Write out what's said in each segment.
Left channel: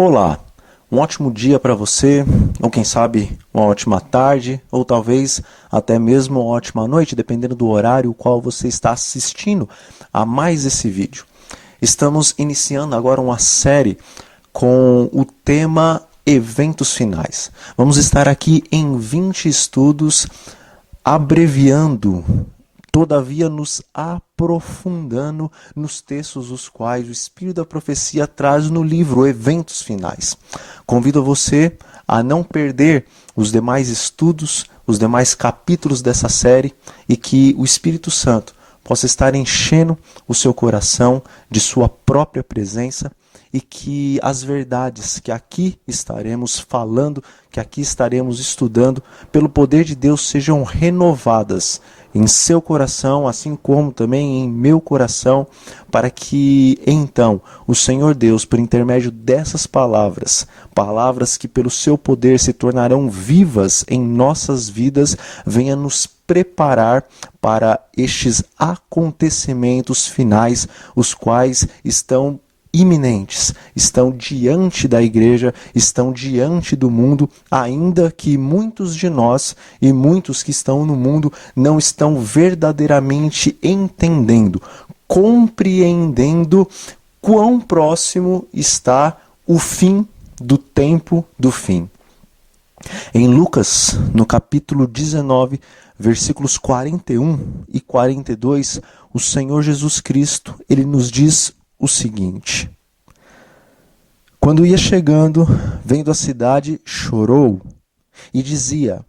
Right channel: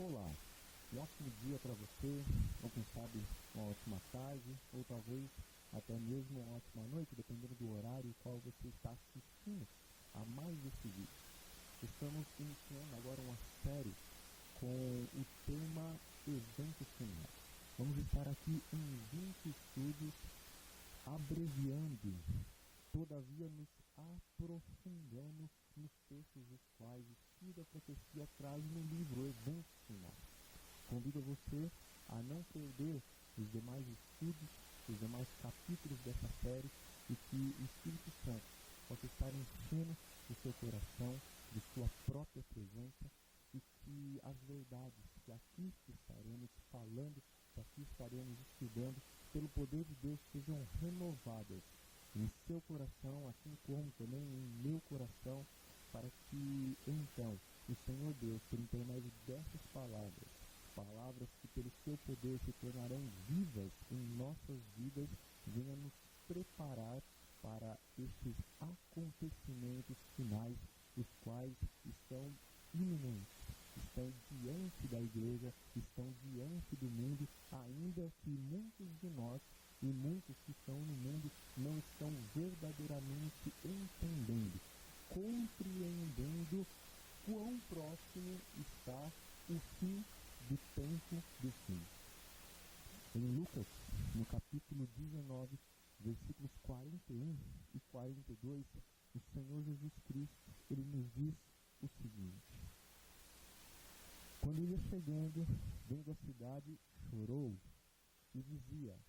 Olá, um ótimo dia para você, ou quem sabe uma ótima tarde, ou talvez até mesmo uma ótima noite, dependendo do horário qual você está assistindo a mais esse vídeo. Estamos iniciando agora uma série com o tema Eventos Finais. Vamos estar aqui em 20 estudos, abreviando, todavia nos aprofundando nos textos os quais o Espírito da Profecia traz no livro Eventos Finais. Convido você a não perder os demais estudos, os demais capítulos dessa série e que o Espírito Santo possa estar enchendo o seu coração de sua própria presença e que as verdades que aqui estaremos falando, que aqui estaremos estudando, pelo poder de Deus sejam renovadas em seu coração, assim como também em meu coração, para que então o Senhor Deus, por intermédio dessas palavras, palavras que pelo seu poder se tornarão vivas em nossas vidas, venha nos preparar para estes acontecimentos finais, os quais estão iminentes, estão diante da igreja, estão diante do mundo, ainda que muitos de nós e muitos que estão no mundo não estão verdadeiramente entendendo, compreendendo quão próximo está o fim do tempo do fim. Em Lucas, no capítulo 19, versículos 41 e 42, o Senhor Jesus Cristo, ele nos diz o seguinte: quando ia chegando, vendo a cidade, chorou e dizia:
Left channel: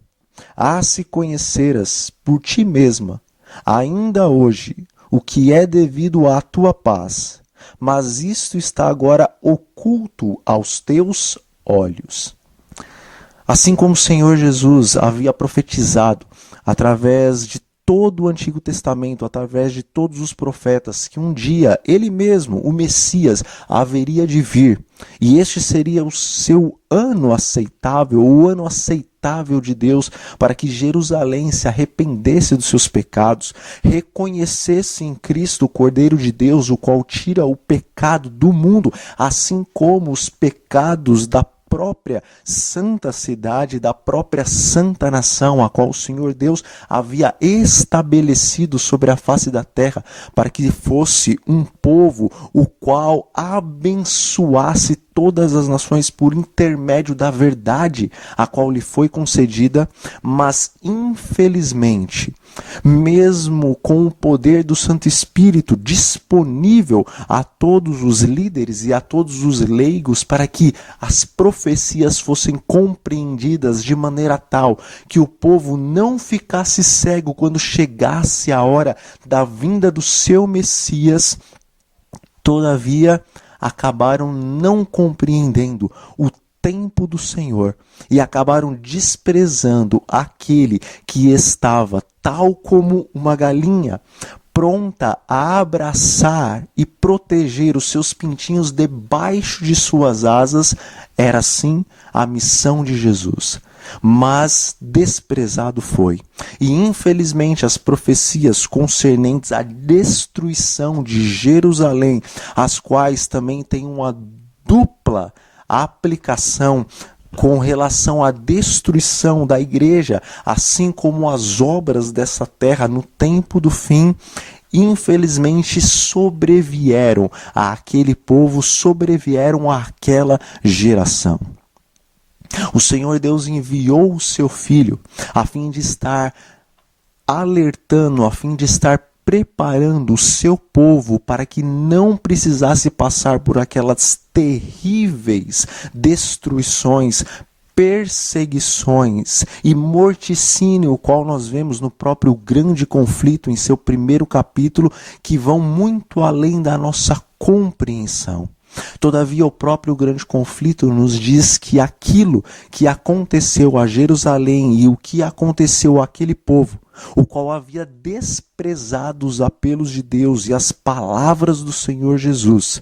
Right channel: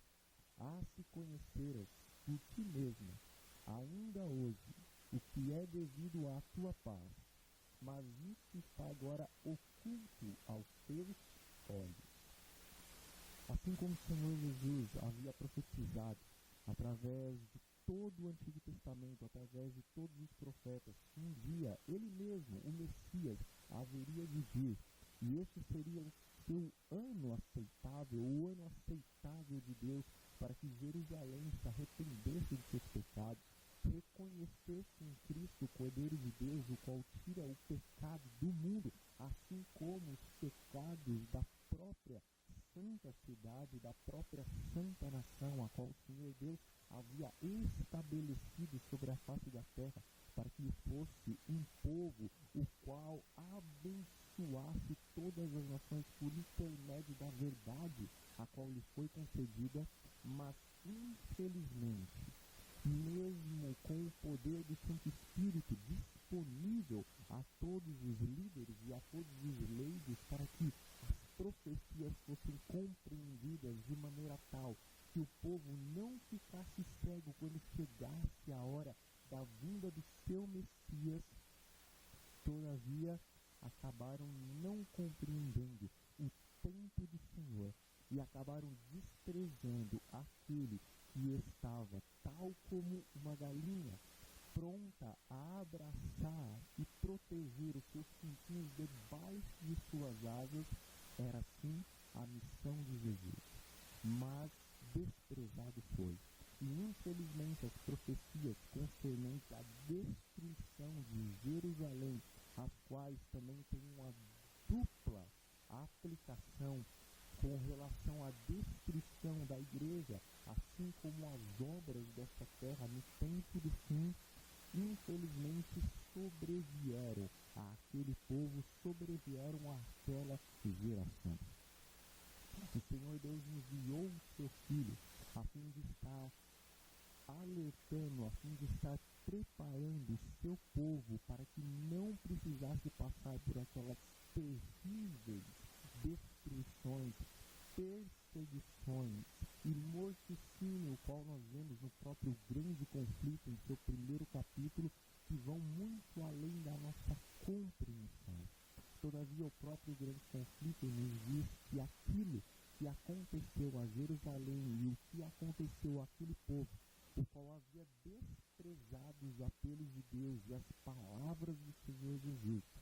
se conheceras por ti mesma, ainda hoje, o que é devido à tua paz, mas isto está agora oculto aos teus olhos. Assim como o Senhor Jesus havia profetizado através de todo o Antigo Testamento, através de todos os profetas, que um dia ele mesmo, o Messias, haveria de vir. E este seria o seu ano aceitável, o ano aceitável de Deus, para que Jerusalém se arrependesse dos seus pecados, reconhecesse em Cristo o Cordeiro de Deus, o qual tira o pecado do mundo, assim como os pecados da própria santa cidade, da própria santa nação, a qual o Senhor Deus havia estabelecido sobre a face da terra, para que fosse um povo o qual abençoasse todas as nações por intermédio da verdade a qual lhe foi concedida, mas infelizmente, mesmo com o poder do Santo Espírito disponível a todos os líderes e a todos os leigos para que as profecias fossem compreendidas de maneira tal que o povo não ficasse cego quando chegasse a hora da vinda do seu Messias, todavia acabaram não compreendendo o tempo do Senhor e acabaram desprezando aquele que estava tal como uma galinha pronta a abraçar e proteger os seus pintinhos debaixo de suas asas. Era sim a missão de Jesus, mas desprezado foi. E infelizmente as profecias concernentes à destruição de Jerusalém, as quais também têm uma dupla aplicação com relação à destruição da igreja, assim como as obras dessa terra no tempo do fim, infelizmente sobrevieram àquele povo, sobrevieram àquela geração. O Senhor Deus enviou o seu Filho a fim de estar alertando, a fim de estar preparando o seu povo para que não precisasse passar por aquelas terríveis destruições, perseguições e morticínio, o qual nós vemos no próprio grande conflito em seu primeiro capítulo, que vão muito além da nossa compreensão. Todavia, o próprio grande conflito nos diz que aquilo que aconteceu a Jerusalém e o que aconteceu àquele povo, o qual havia desprezado os apelos de Deus e as palavras do Senhor Jesus,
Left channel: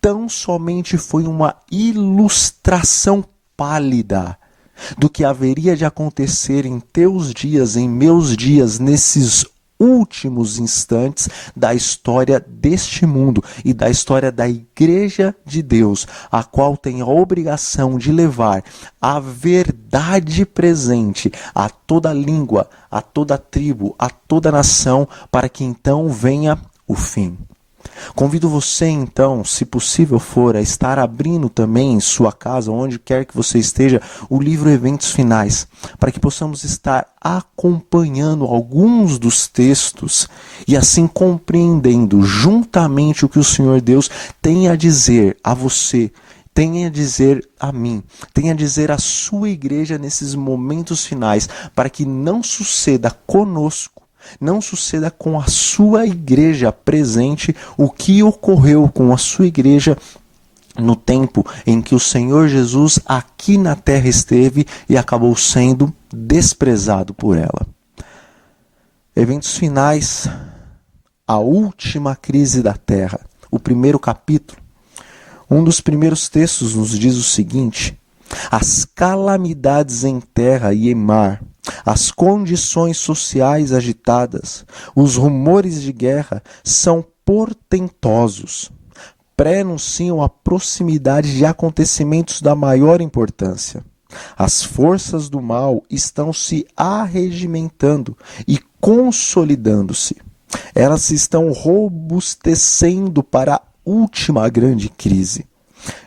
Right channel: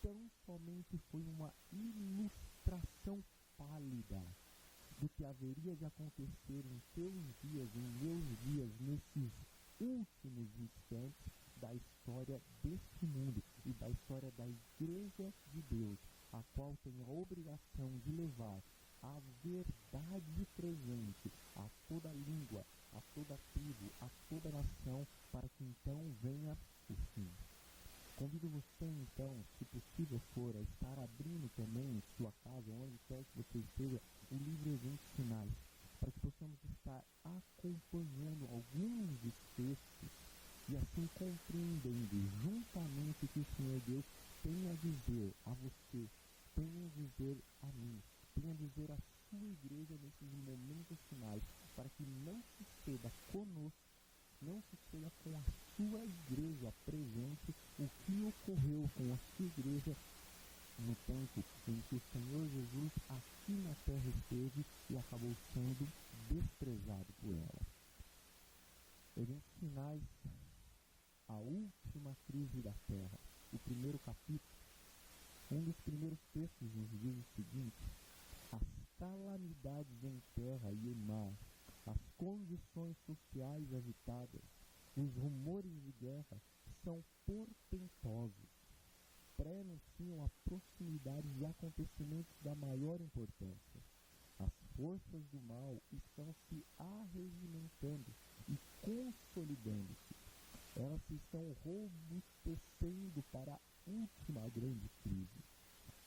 tão somente foi uma ilustração pálida do que haveria de acontecer em teus dias, em meus dias, nesses últimos instantes da história deste mundo e da história da Igreja de Deus, a qual tem a obrigação de levar a verdade presente a toda língua, a toda tribo, a toda nação, para que então venha o fim. Convido você então, se possível for, a estar abrindo também em sua casa, onde quer que você esteja, o livro Eventos Finais, para que possamos estar acompanhando alguns dos textos e assim compreendendo juntamente o que o Senhor Deus tem a dizer a você, tem a dizer a mim, tem a dizer à sua igreja nesses momentos finais, para que não suceda conosco, não suceda com a sua igreja presente o que ocorreu com a sua igreja no tempo em que o Senhor Jesus aqui na terra esteve e acabou sendo desprezado por ela. Eventos finais, a última crise da terra. O primeiro capítulo, um dos primeiros textos nos diz o seguinte: as calamidades em terra e em mar, as condições sociais agitadas, os rumores de guerra são portentosos, pré-anunciam a proximidade de acontecimentos da maior importância. As forças do mal estão se arregimentando e consolidando-se. Elas estão robustecendo para a última grande crise.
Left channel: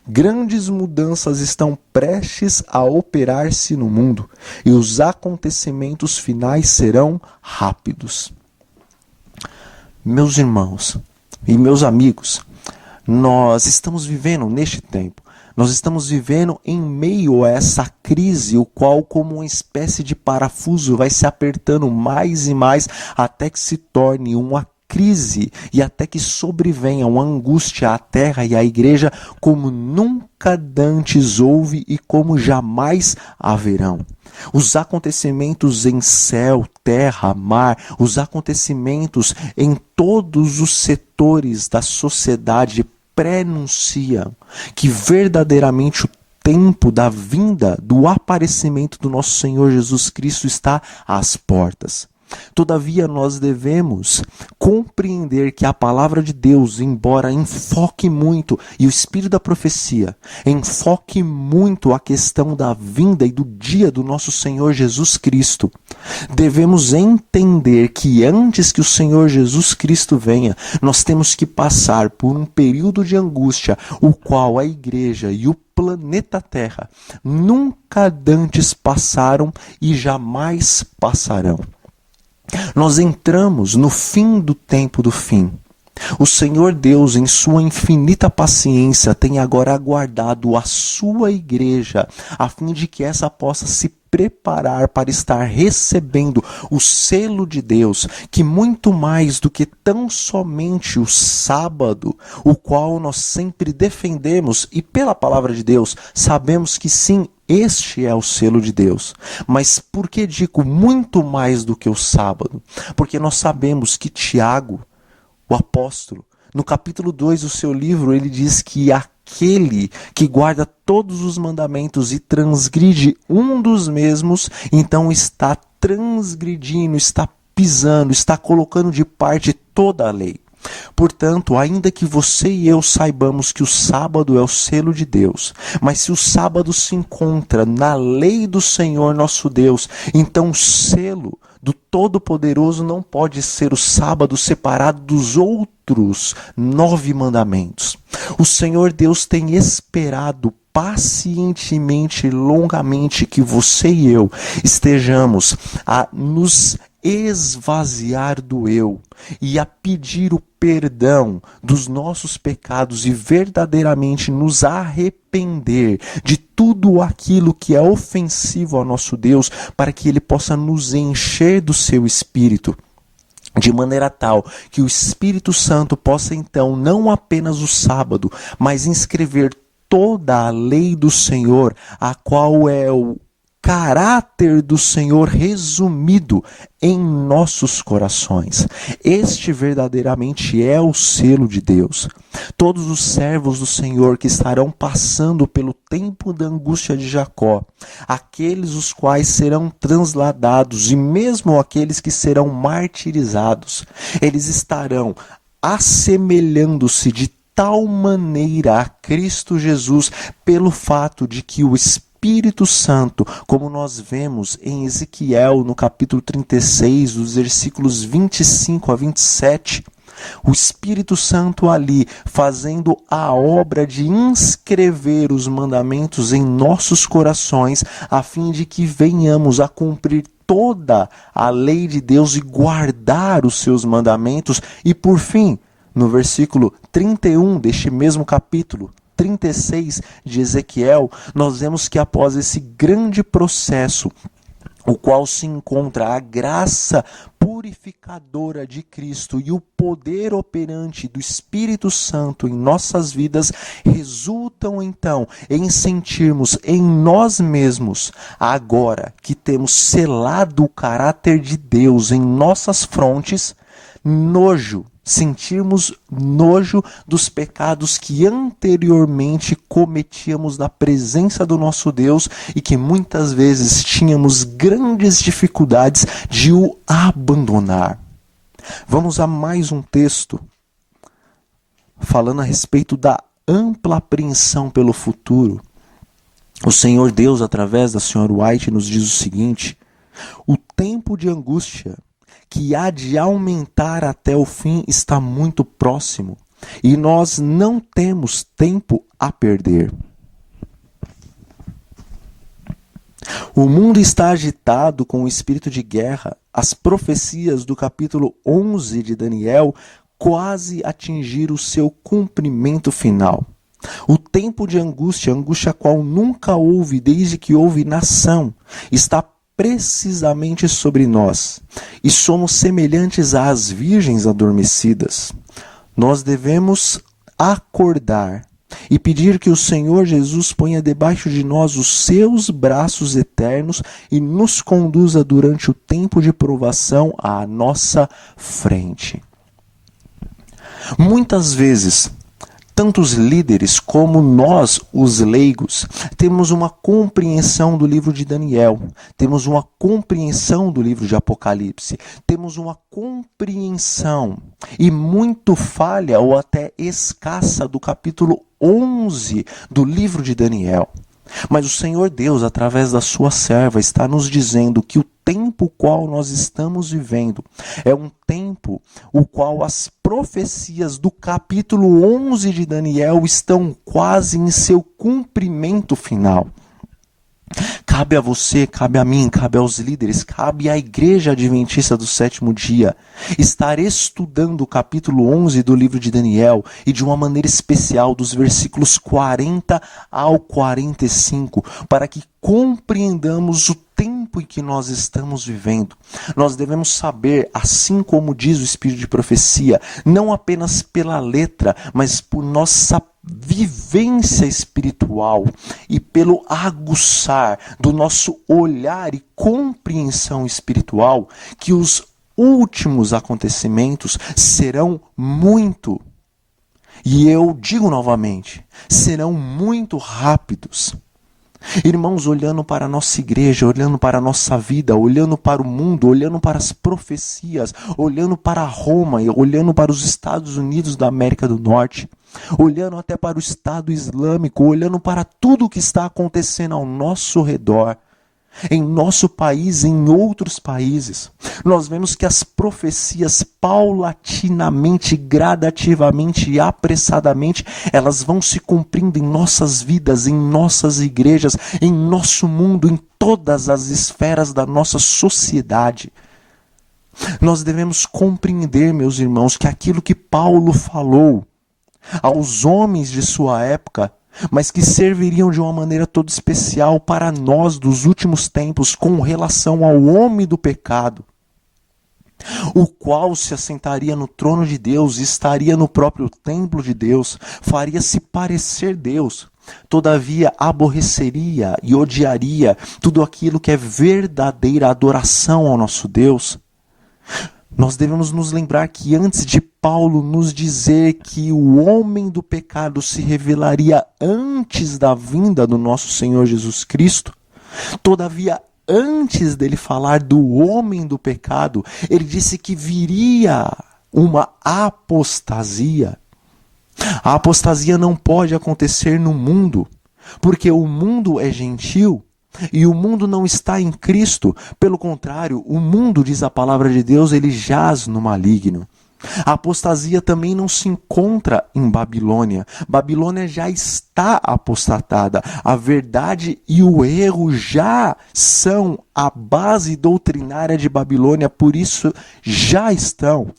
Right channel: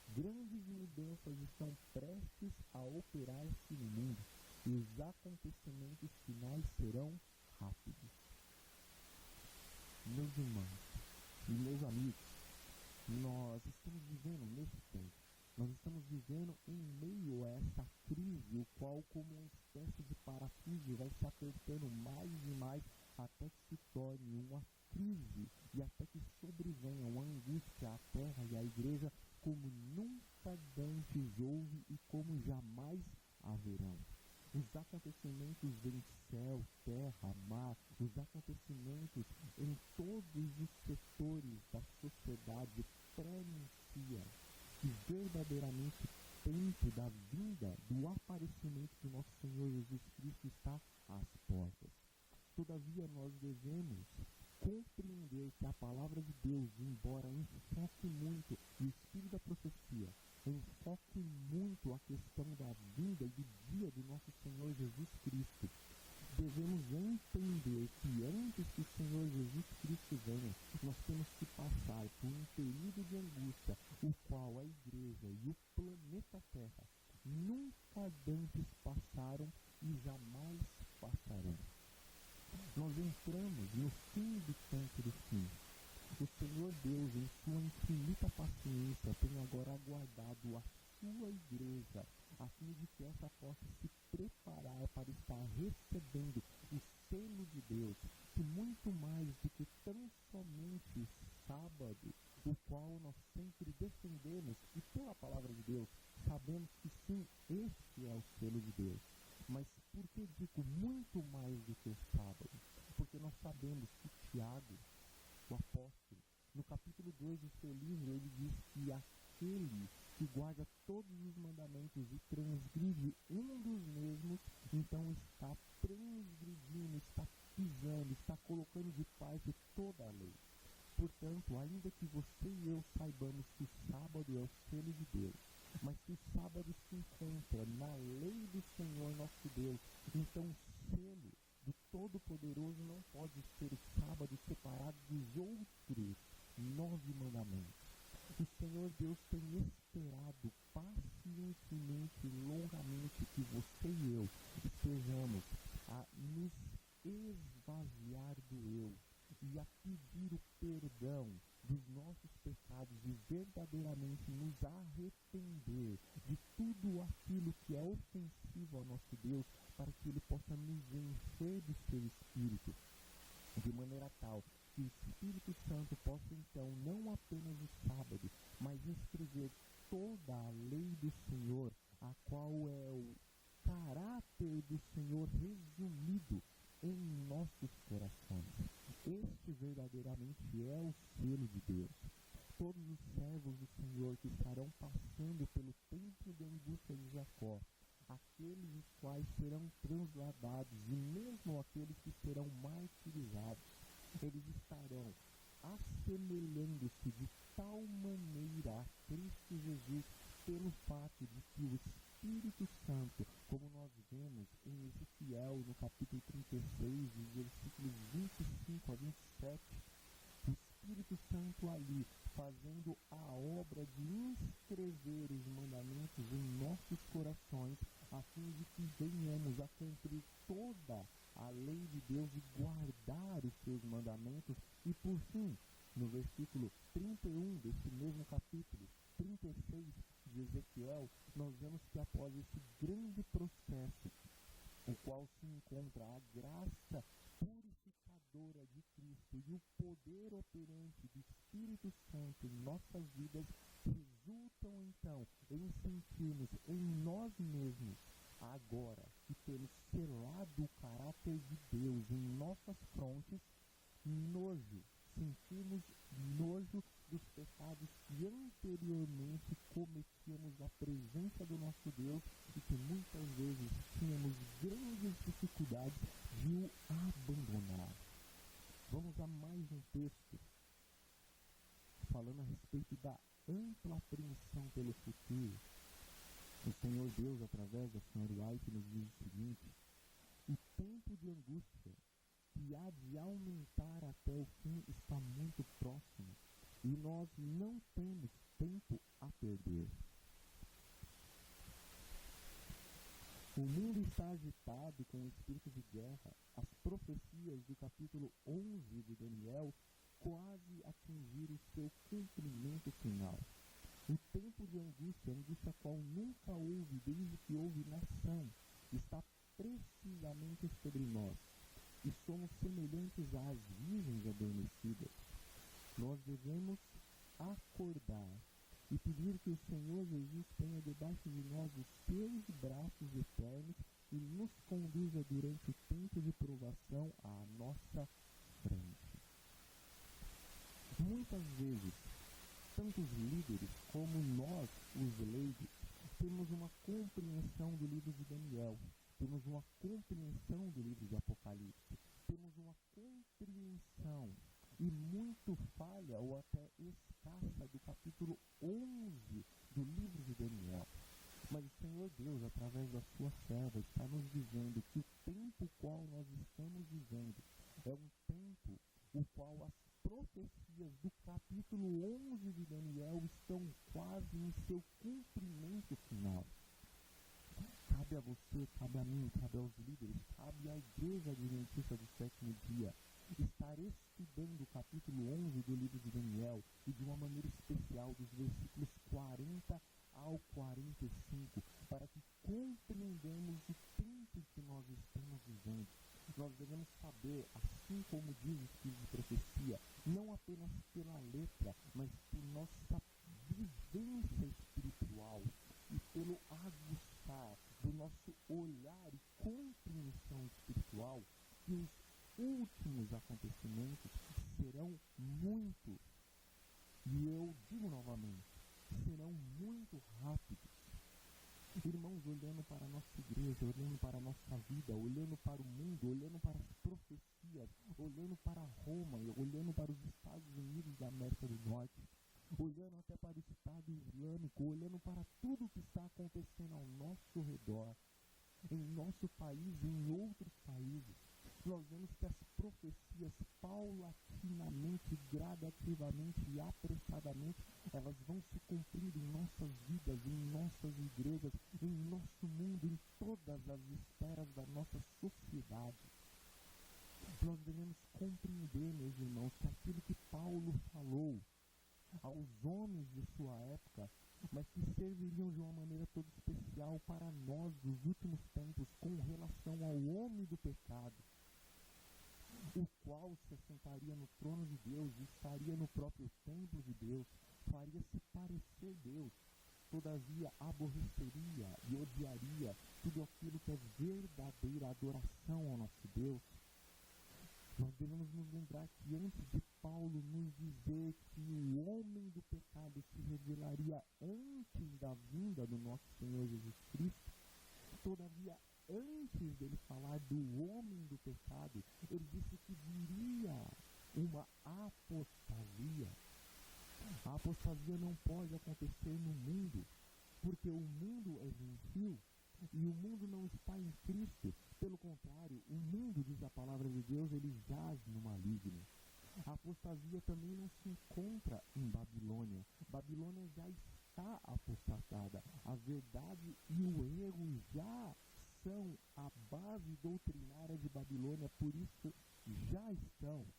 Grandes mudanças estão prestes a operar-se no mundo e os acontecimentos finais serão rápidos. Meus irmãos e meus amigos, nós estamos vivendo neste tempo. Nós estamos vivendo em meio a essa crise, o qual, como uma espécie de parafuso, vai se apertando mais e mais até que se torne uma crise e até que sobrevenha uma angústia à terra e à igreja como nunca dantes houve e como jamais haverão. Os acontecimentos em céu, terra, mar, os acontecimentos em todos os setores da sociedade prenunciam que verdadeiramente o tempo da vinda, do aparecimento do nosso Senhor Jesus Cristo está às portas. Todavia, nós devemos compreender que a palavra de Deus, embora enfoque muito, e o espírito da profecia enfoque muito a questão da vinda e do dia do nosso Senhor Jesus Cristo, devemos entender que antes que o Senhor Jesus Cristo venha, nós temos que passar por um período de angústia, o qual a igreja e o planeta Terra nunca dantes passaram e jamais passarão. Nós entramos no fim do tempo do fim. O Senhor Deus, em sua infinita paciência, tem agora aguardado a sua igreja, a fim de que essa possa se preparar para estar recebendo o selo de Deus, que muito mais do que tão somente o sábado, o qual nós sempre defendemos, e pela palavra de Deus, sabemos que sim, este é o selo de Deus. Mas por que digo muito mais do que o sábado? Porque nós sabemos que Tiago, o apóstolo, no capítulo 2 do seu livro, ele diz que aquele que guarda todos os mandamentos e transgride um dos mesmos, então está transgredindo, está pisando, está colocando de parte toda a lei. Portanto, ainda que você e eu saibamos que o sábado é o selo de Deus, mas se o sábado se encontra na lei do Senhor nosso Deus, então o selo do Todo-Poderoso não pode ser o sábado separado dos outros 9 mandamentos. O Senhor Deus tem esperado pacientemente e longamente que você e eu estejamos a nos esvaziar do eu e a pedir o perdão dos nossos pecados e verdadeiramente nos arrepender de tudo aquilo que é ofensivo ao nosso Deus, para que Ele possa nos encher do seu Espírito, de maneira tal que o Espírito Santo possa então não apenas o sábado, mas inscrever toda a lei do Senhor, a qual é o caráter do Senhor resumido em nossos corações. Este verdadeiramente é o selo de Deus. Todos os servos do Senhor que estarão passando pelo tempo da angústia de Jacó, aqueles os quais serão transladados e mesmo aqueles que serão martirizados, eles estarão assemelhando-se de tal maneira a Cristo Jesus pelo fato de que o Espírito Santo, como nós vemos em Ezequiel no capítulo 36, dos versículos 25 a 27, o Espírito Santo ali fazendo a obra de inscrever os mandamentos em nossos corações, a fim de que venhamos a cumprir toda a lei de Deus e guardar os seus mandamentos. E por fim, no versículo 31 deste mesmo capítulo 36 de Ezequiel, nós vemos que após esse grande processo, o qual se encontra a graça purificadora de Cristo e o poder operante do Espírito Santo em nossas vidas, resultam então em sentirmos em nós mesmos, agora que temos selado o caráter de Deus em nossas frontes, sentirmos nojo dos pecados que anteriormente cometíamos na presença do nosso Deus e que muitas vezes tínhamos grandes dificuldades de o abandonar. Vamos a mais um texto falando a respeito da ampla apreensão pelo futuro. O Senhor Deus, através da Sra. White, nos diz o seguinte: o tempo de angústia que há de aumentar até o fim está muito próximo, e nós não temos tempo a perder. O mundo está agitado com o espírito de guerra. As profecias do capítulo 11 de Daniel quase atingiram o seu cumprimento final. O tempo de angústia, angústia qual nunca houve desde que houve nação, está precisamente sobre nós, e somos semelhantes às virgens adormecidas. Nós devemos acordar e pedir que o Senhor Jesus ponha debaixo de nós os seus braços eternos e nos conduza durante o tempo de provação à nossa frente. Muitas vezes, tanto os líderes como nós, os leigos, temos uma compreensão do livro de Daniel, temos uma compreensão do livro de Apocalipse, temos uma compreensão e muito falha ou até escassa do capítulo 11 do livro de Daniel. Mas o Senhor Deus, através da sua serva, está nos dizendo que o tempo qual nós estamos vivendo é um tempo o qual as profecias do capítulo 11 de Daniel estão quase em seu cumprimento final. Cabe a você, cabe a mim, cabe aos líderes, cabe à Igreja Adventista do Sétimo Dia estar estudando o capítulo 11 do livro de Daniel e de uma maneira especial dos versículos 40 ao 45, para que compreendamos o tempo em que nós estamos vivendo. Nós devemos saber, assim como diz o Espírito de Profecia, não apenas pela letra, mas por nossa vivência espiritual e pelo aguçar do nosso olhar e compreensão espiritual, que os últimos acontecimentos serão muito, e eu digo novamente, serão muito rápidos. Irmãos, olhando para a nossa igreja, olhando para a nossa vida, olhando para o mundo, olhando para as profecias, olhando para Roma, olhando para os Estados Unidos da América do Norte, olhando até para o Estado Islâmico, olhando para tudo o que está acontecendo ao nosso redor, em nosso país, em outros países, nós vemos que as profecias paulatinamente, gradativamente e apressadamente, elas vão se cumprindo em nossas vidas, em nossas igrejas, em nosso mundo, em todas as esferas da nossa sociedade. Nós devemos compreender, meus irmãos, que aquilo que Paulo falou aos homens de sua época, mas que serviriam de uma maneira toda especial para nós dos últimos tempos com relação ao homem do pecado, o qual se assentaria no trono de Deus, estaria no próprio templo de Deus, faria-se parecer Deus. Todavia aborreceria e odiaria tudo aquilo que é verdadeira adoração ao nosso Deus. Nós devemos nos lembrar que antes de Paulo nos dizer que o homem do pecado se revelaria antes da vinda do nosso Senhor Jesus Cristo, todavia antes dele falar do homem do pecado, ele disse que viria uma apostasia. A apostasia não pode acontecer no mundo, porque o mundo é gentil e o mundo não está em Cristo. Pelo contrário, o mundo, diz a palavra de Deus, ele jaz no maligno. A apostasia também não se encontra em Babilônia. Babilônia já está apostatada. A verdade e o erro já são a base doutrinária de Babilônia, por isso já estão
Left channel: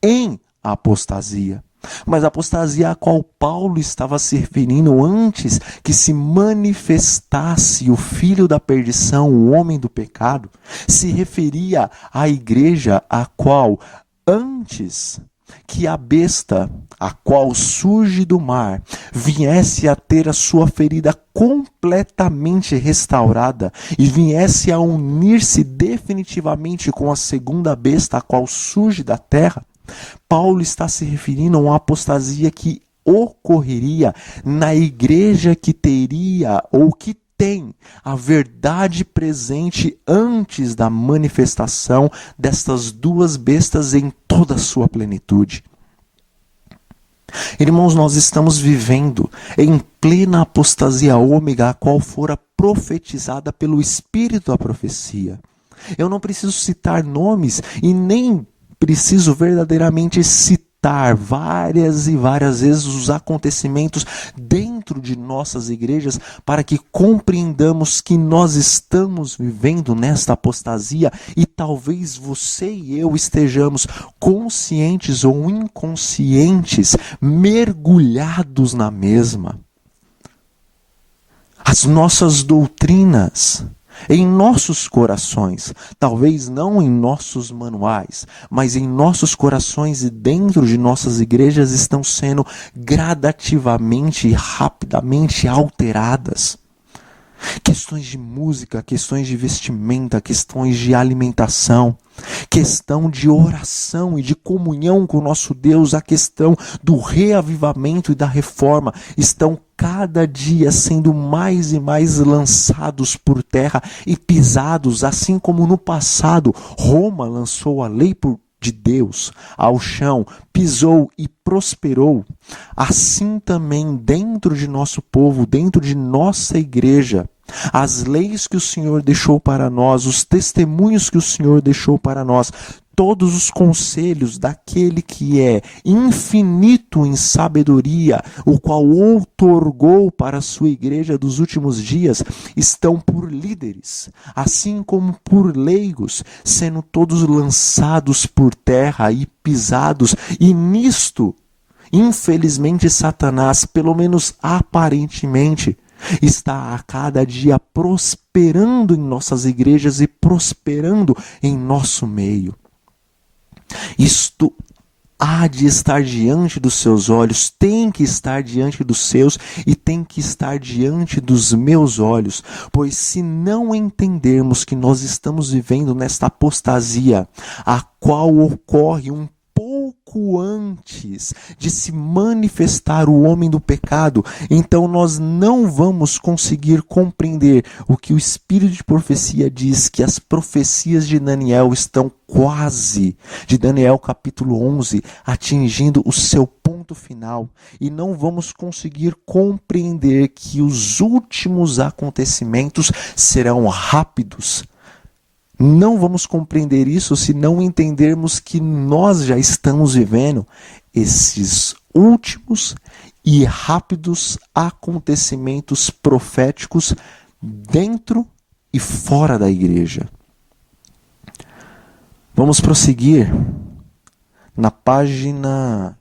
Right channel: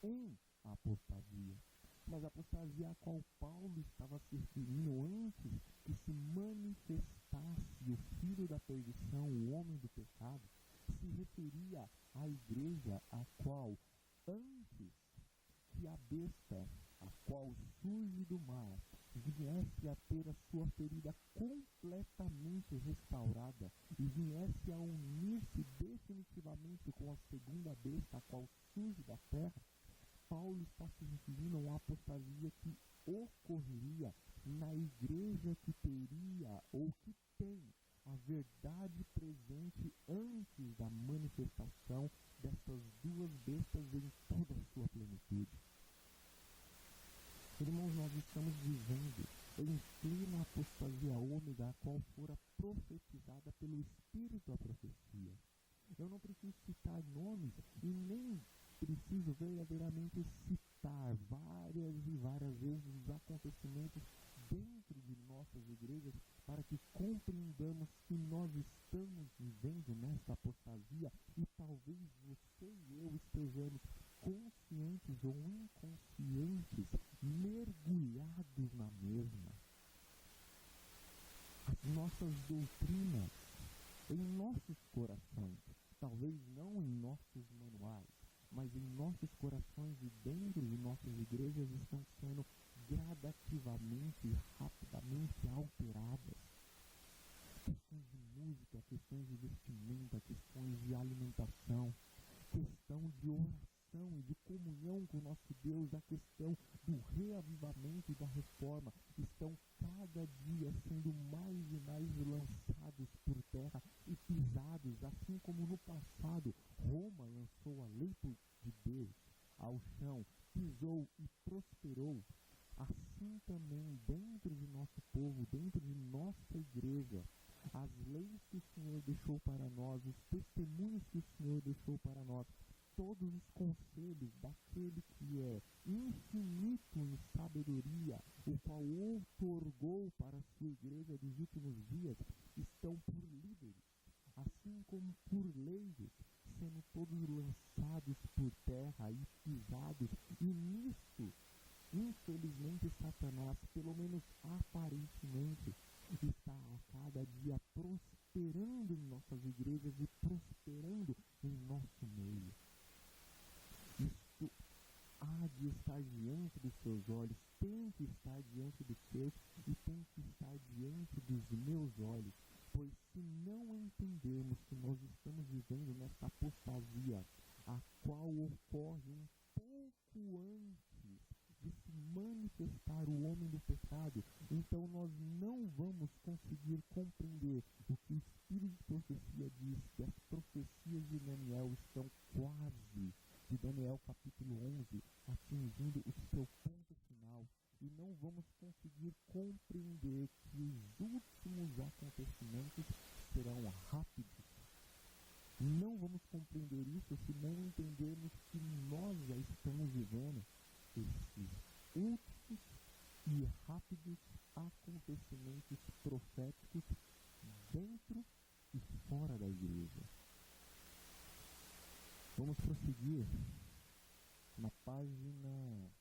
em apostasia. Mas a apostasia a qual Paulo estava se referindo antes que se manifestasse o filho da perdição, o homem do pecado, se referia à igreja a qual, antes que a besta, a qual surge do mar, viesse a ter a sua ferida completamente restaurada e viesse a unir-se definitivamente com a segunda besta, a qual surge da terra, Paulo está se referindo a uma apostasia que ocorreria na igreja que teria ou que tem a verdade presente antes da manifestação destas duas bestas em toda a sua plenitude. Irmãos, nós estamos vivendo em plena apostasia ômega, a qual fora profetizada pelo Espírito da profecia. Eu não preciso citar nomes e nem preciso verdadeiramente citar várias e várias vezes os acontecimentos dentro de nossas igrejas para que compreendamos que nós estamos vivendo nesta apostasia e talvez você e eu estejamos conscientes ou inconscientes, mergulhados na mesma. As nossas doutrinas em nossos corações, talvez não em nossos manuais, mas em nossos corações e dentro de nossas igrejas estão sendo gradativamente e rapidamente alteradas. Questões de música, questões de vestimenta, questões de alimentação, questão de oração e de comunhão com o nosso Deus, a questão do reavivamento e da reforma estão cada dia sendo mais e mais lançados por terra e pisados, assim como no passado Roma lançou a lei de Deus ao chão, pisou e prosperou. Assim também dentro de nosso povo, dentro de nossa igreja, as leis que o Senhor deixou para nós, os testemunhos que o Senhor deixou para nós, todos os conselhos daquele que é infinito em sabedoria, o qual outorgou para a sua igreja dos últimos dias, estão por líderes, assim como por leigos, sendo todos lançados por terra e pisados, e nisto, infelizmente, Satanás, pelo menos aparentemente, está a cada dia prosperando em nossas igrejas e prosperando em nosso meio. Isto há de estar diante dos seus olhos, tem que estar diante dos seus e tem que estar diante dos meus olhos, pois se não entendermos que nós estamos vivendo nesta apostasia, a qual ocorre um pouco antes de se manifestar o homem do pecado, então nós não vamos conseguir compreender o que o Espírito de profecia diz, que as profecias de Daniel estão quase, de Daniel capítulo 11, atingindo o seu ponto final, e não vamos conseguir compreender que os últimos acontecimentos serão rápidos. Não vamos compreender isso se não entendermos que nós já estamos vivendo esses últimos e rápidos acontecimentos proféticos dentro e fora da igreja. Vamos prosseguir na página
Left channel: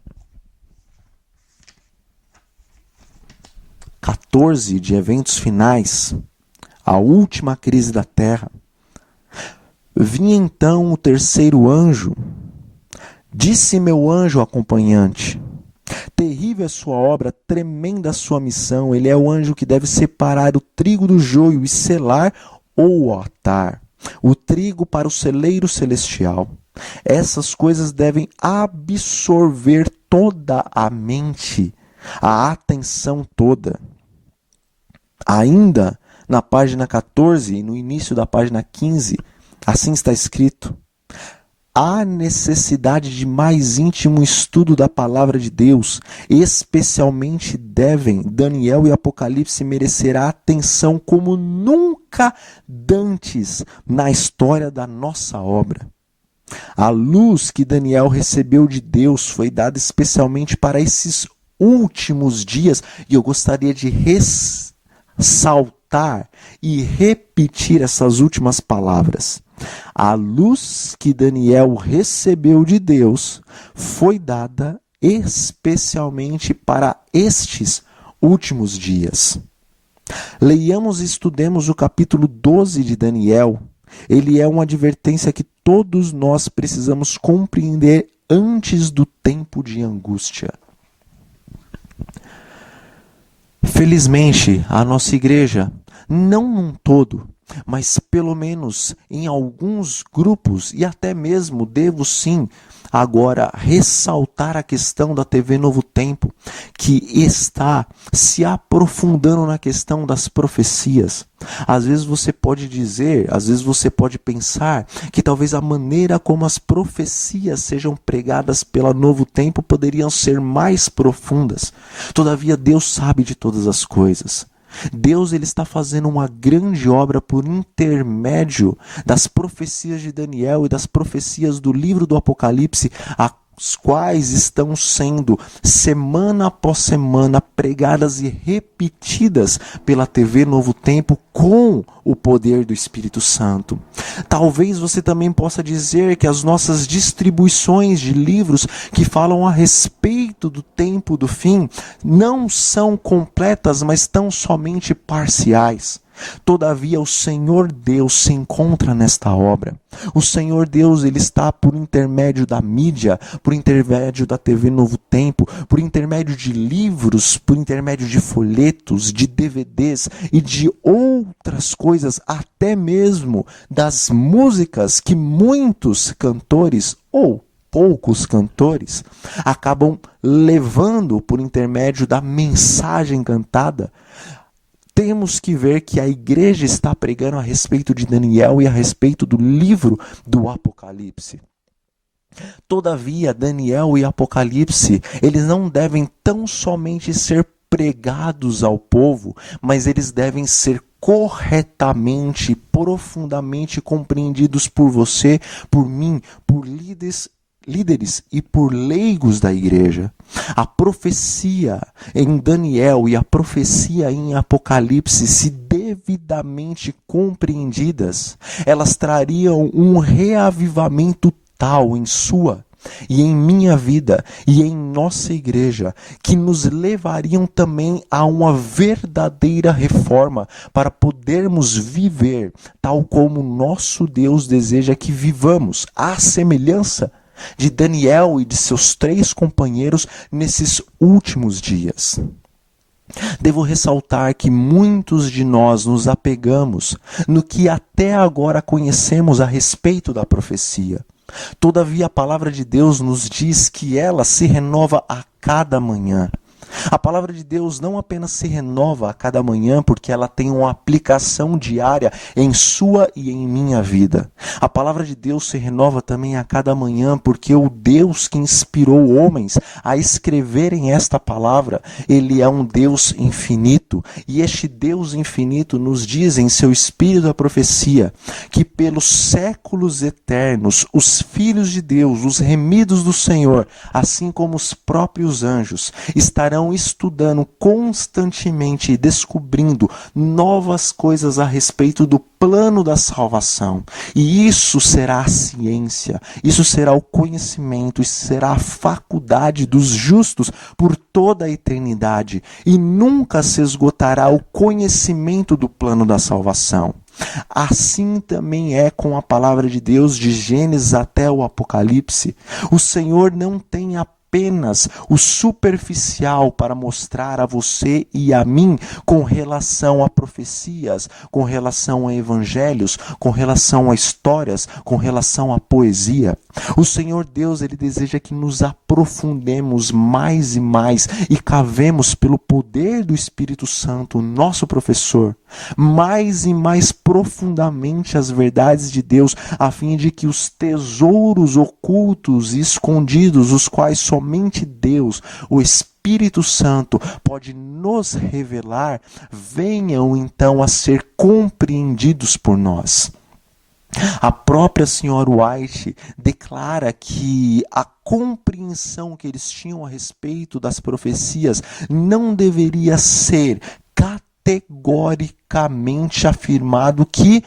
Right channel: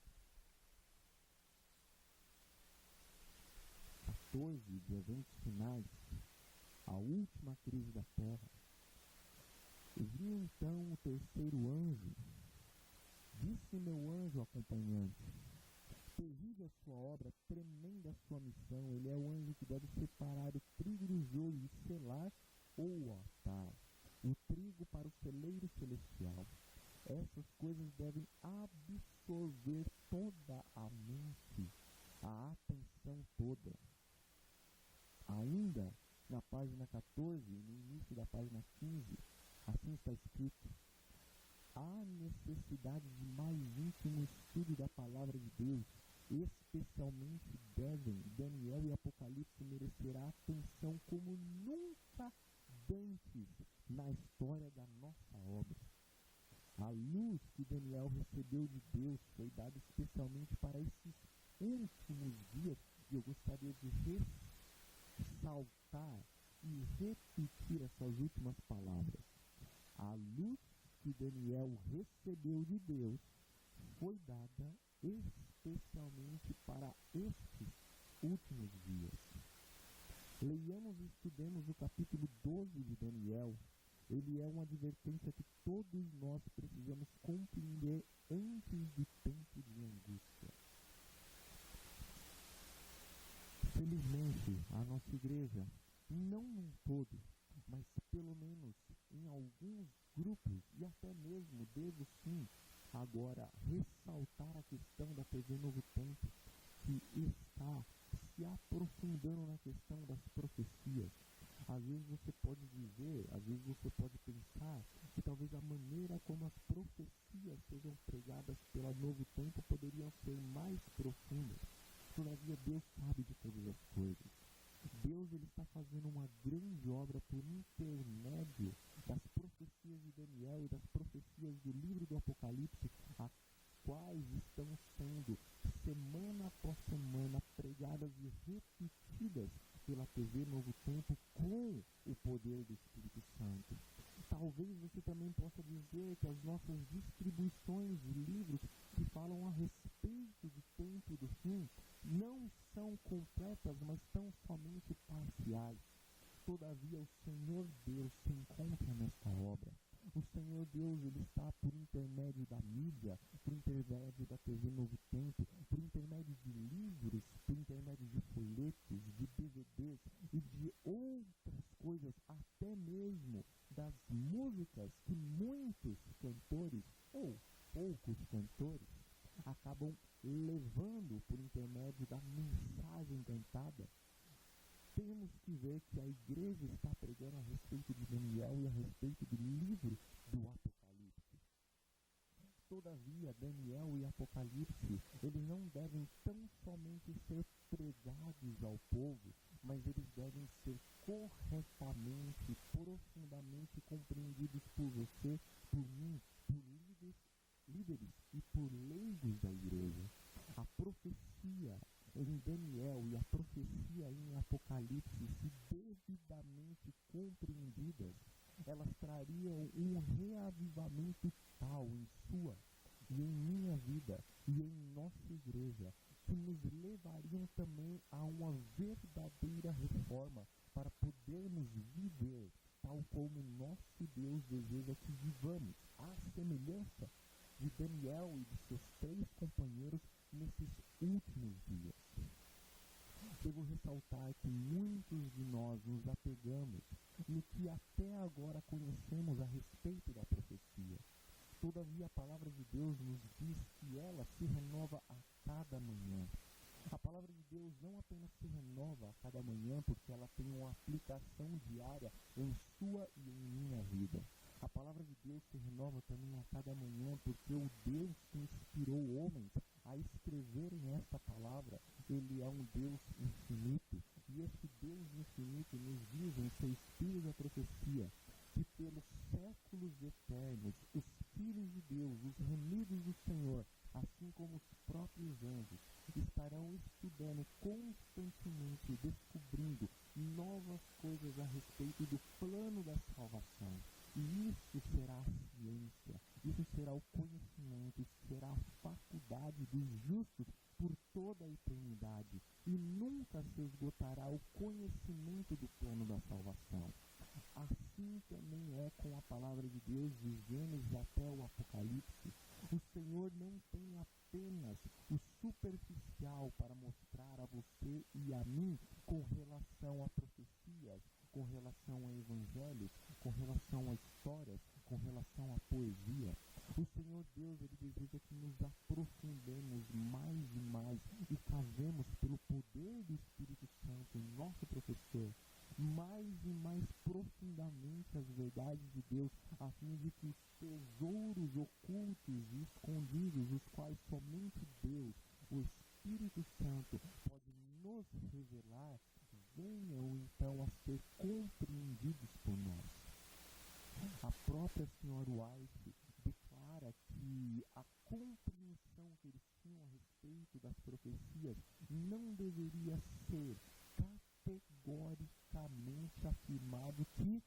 14 de Eventos Finais, a última crise da terra. Vi então o terceiro anjo, disse meu anjo acompanhante, Terrível é sua obra, tremenda a sua missão. Ele é o anjo que deve separar o trigo do joio e selar ou atar o trigo para o celeiro celestial. Essas coisas devem absorver toda a mente, a atenção toda. Ainda na página 14 e no início da página 15, assim está escrito: há necessidade de mais íntimo estudo da palavra de Deus, especialmente devem Daniel e Apocalipse merecer a atenção como nunca dantes na história da nossa obra. A luz que Daniel recebeu de Deus foi dada especialmente para esses últimos dias, e eu gostaria de ressaltar e repetir essas últimas palavras. A luz que Daniel recebeu de Deus foi dada especialmente para estes últimos dias. Leiamos e estudemos o capítulo 12 de Daniel. Ele é uma advertência que todos nós precisamos compreender antes do tempo de angústia. Felizmente, a nossa igreja, não num todo, mas pelo menos em alguns grupos, e até mesmo devo sim agora ressaltar a questão da TV Novo Tempo, que está se aprofundando na questão das profecias. Às vezes você pode dizer, às vezes você pode pensar que talvez a maneira como as profecias sejam pregadas pela Novo Tempo poderiam ser mais profundas. Todavia, Deus sabe de todas as coisas. Deus ele está fazendo uma grande obra por intermédio das profecias de Daniel e das profecias do livro do Apocalipse, as quais estão sendo, semana após semana, pregadas e repetidas pela TV Novo Tempo com o poder do Espírito Santo. Talvez você também possa dizer que as nossas distribuições de livros que falam a respeito do tempo do fim não são completas, mas tão somente parciais. Todavia, o Senhor Deus se encontra nesta obra. O Senhor Deus ele está por intermédio da mídia, por intermédio da TV Novo Tempo, por intermédio de livros, por intermédio de folhetos, de DVDs e de outras coisas, até mesmo das músicas que muitos cantores ou poucos cantores acabam levando por intermédio da mensagem cantada. Temos que ver que a igreja está pregando a respeito de Daniel e a respeito do livro do Apocalipse. Todavia, Daniel e Apocalipse, eles não devem tão somente ser pregados ao povo, mas eles devem ser corretamente, profundamente compreendidos por você, por mim, por líderes e por leigos da igreja. A profecia em Daniel e a profecia em Apocalipse, se devidamente compreendidas, elas trariam um reavivamento tal em sua e em minha vida e em nossa igreja, que nos levariam também a uma verdadeira reforma para podermos viver tal como nosso Deus deseja que vivamos, à semelhança de Daniel e de seus 3 companheiros nesses últimos dias. Devo ressaltar que muitos de nós nos apegamos no que até agora conhecemos a respeito da profecia. Todavia, a palavra de Deus nos diz que ela se renova a cada manhã. A palavra de Deus não apenas se renova a cada manhã porque ela tem uma aplicação diária em sua e em minha vida. A palavra de Deus se renova também a cada manhã porque o Deus que inspirou homens a escreverem esta palavra, ele é um Deus infinito. E este Deus infinito nos diz em seu Espírito da profecia que pelos séculos eternos, os filhos de Deus, os remidos do Senhor, assim como os próprios anjos, estarão estudando constantemente e descobrindo novas coisas a respeito do plano da salvação. E isso será a ciência, isso será o conhecimento, isso será a faculdade dos justos por toda a eternidade. E nunca se esgotará o conhecimento do plano da salvação. Assim também é com a palavra de Deus de Gênesis até o Apocalipse. O Senhor não tem apenas o superficial para mostrar a você e a mim com relação a profecias, com relação a evangelhos, com relação a histórias, com relação à poesia. O Senhor Deus, Ele deseja que nos aprofundemos mais e mais e cavemos pelo poder do Espírito Santo, nosso professor, mais e mais profundamente as verdades de Deus, a fim de que os tesouros ocultos e escondidos, os quais somente Deus, o Espírito Santo, pode nos revelar, venham então a ser compreendidos por nós. A própria senhora White declara que a compreensão que eles tinham a respeito das profecias não deveria ser categoricamente afirmado que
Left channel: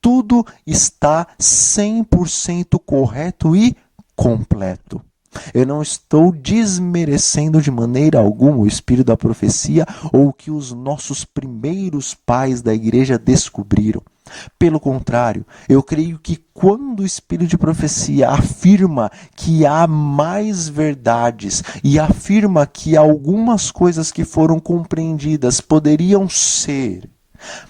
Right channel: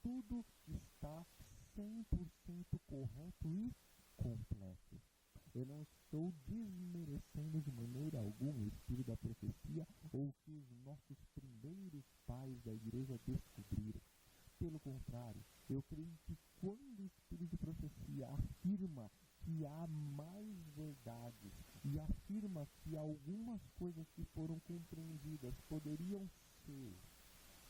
tudo está 100% correto e completo. Eu não estou desmerecendo de maneira alguma o espírito da profecia ou o que os nossos primeiros pais da igreja descobriram. Pelo contrário, eu creio que quando o espírito de profecia afirma que há mais verdades e afirma que algumas coisas que foram compreendidas poderiam ser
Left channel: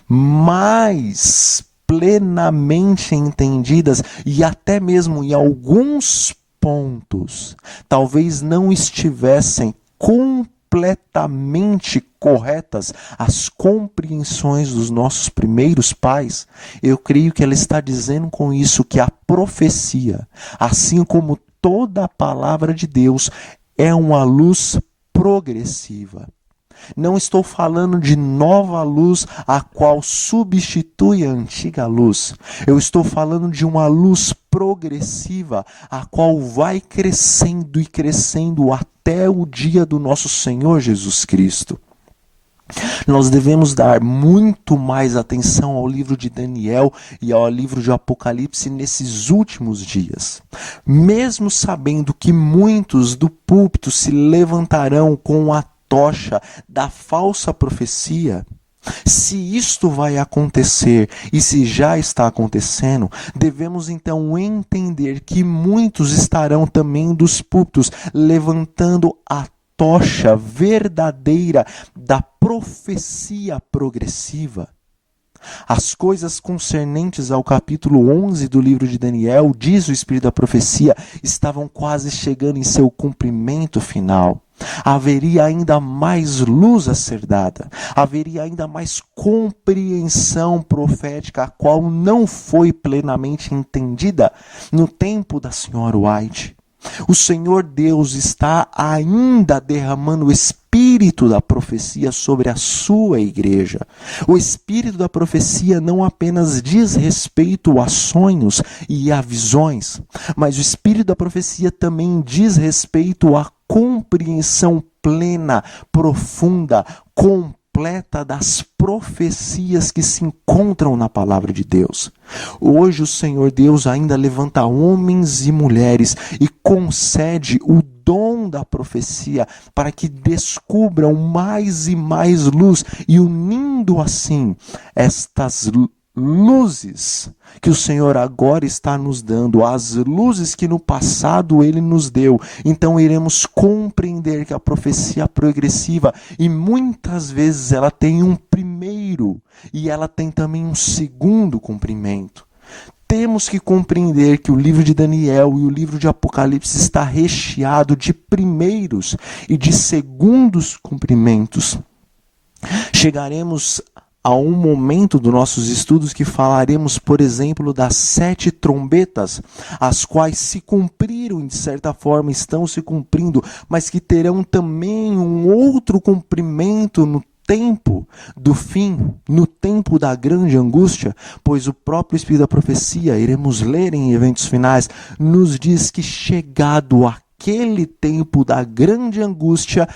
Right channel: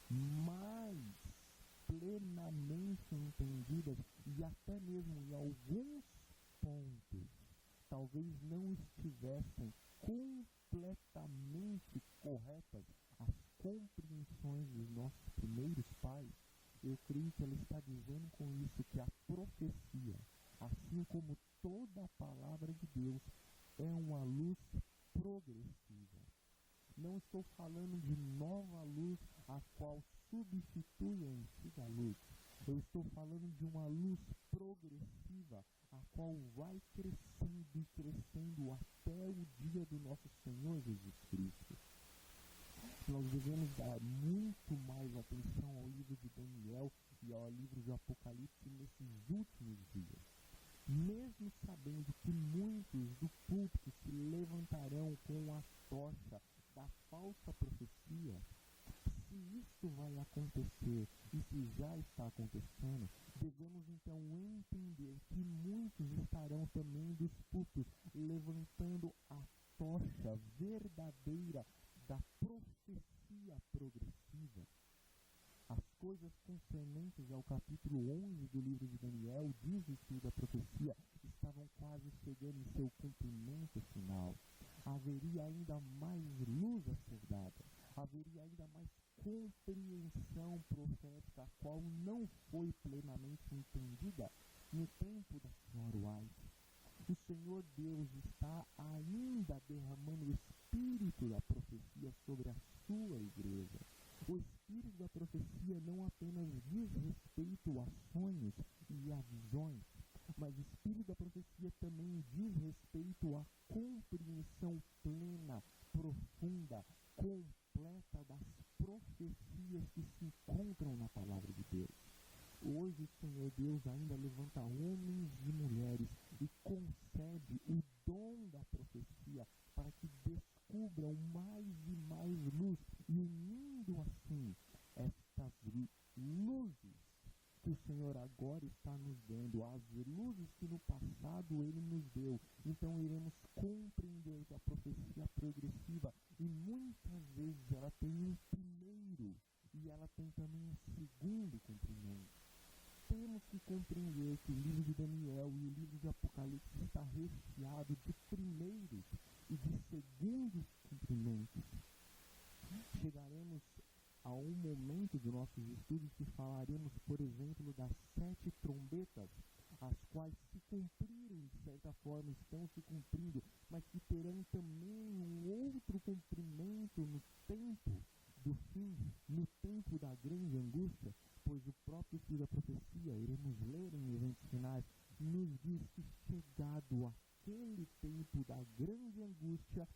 mais plenamente entendidas e até mesmo em alguns pontos talvez não estivessem completamente corretas as compreensões dos nossos primeiros pais, eu creio que ela está dizendo com isso que a profecia, assim como toda a palavra de Deus, é uma luz progressiva. Não estou falando de nova luz, a qual substitui a antiga luz. Eu estou falando de uma luz progressiva, a qual vai crescendo e crescendo até o dia do nosso Senhor Jesus Cristo. Nós devemos dar muito mais atenção ao livro de Daniel e ao livro de Apocalipse nesses últimos dias. Mesmo sabendo que muitos do púlpito se levantarão com a tocha da falsa profecia, se isto vai acontecer e se já está acontecendo, devemos então entender que muitos estarão também dos púlpitos levantando a tocha verdadeira da profecia progressiva. As coisas concernentes ao capítulo 11 do livro de Daniel, diz o Espírito da profecia, estavam quase chegando em seu cumprimento final. Haveria ainda mais luz a ser dada, haveria ainda mais compreensão profética, a qual não foi plenamente entendida no tempo da senhora White. O Senhor Deus está ainda derramando o espírito da profecia sobre a sua igreja. O espírito da profecia não apenas diz respeito a sonhos e a visões, mas o espírito da profecia também diz respeito à compreensão plena, profunda, completa das profecias que se encontram na palavra de Deus. Hoje o Senhor Deus ainda levanta homens e mulheres e concede o dom da profecia para que descubram mais e mais luz e unindo assim estas luzes que o Senhor agora está nos dando, as luzes que no passado Ele nos deu, então iremos compreender que a profecia progressiva, e muitas vezes ela tem um primeiro e ela tem também um segundo cumprimento. Temos que compreender que o livro de Daniel e o livro de Apocalipse está recheado de primeiros e de segundos cumprimentos. Chegaremos a um momento dos nossos estudos que falaremos, por exemplo, das 7 trombetas, as quais se cumpriram e de certa forma estão se cumprindo, mas que terão também um outro cumprimento no tempo do fim, no tempo da grande angústia, pois o próprio Espírito da profecia, iremos ler em eventos finais, nos diz que chegado aquele tempo da grande angústia,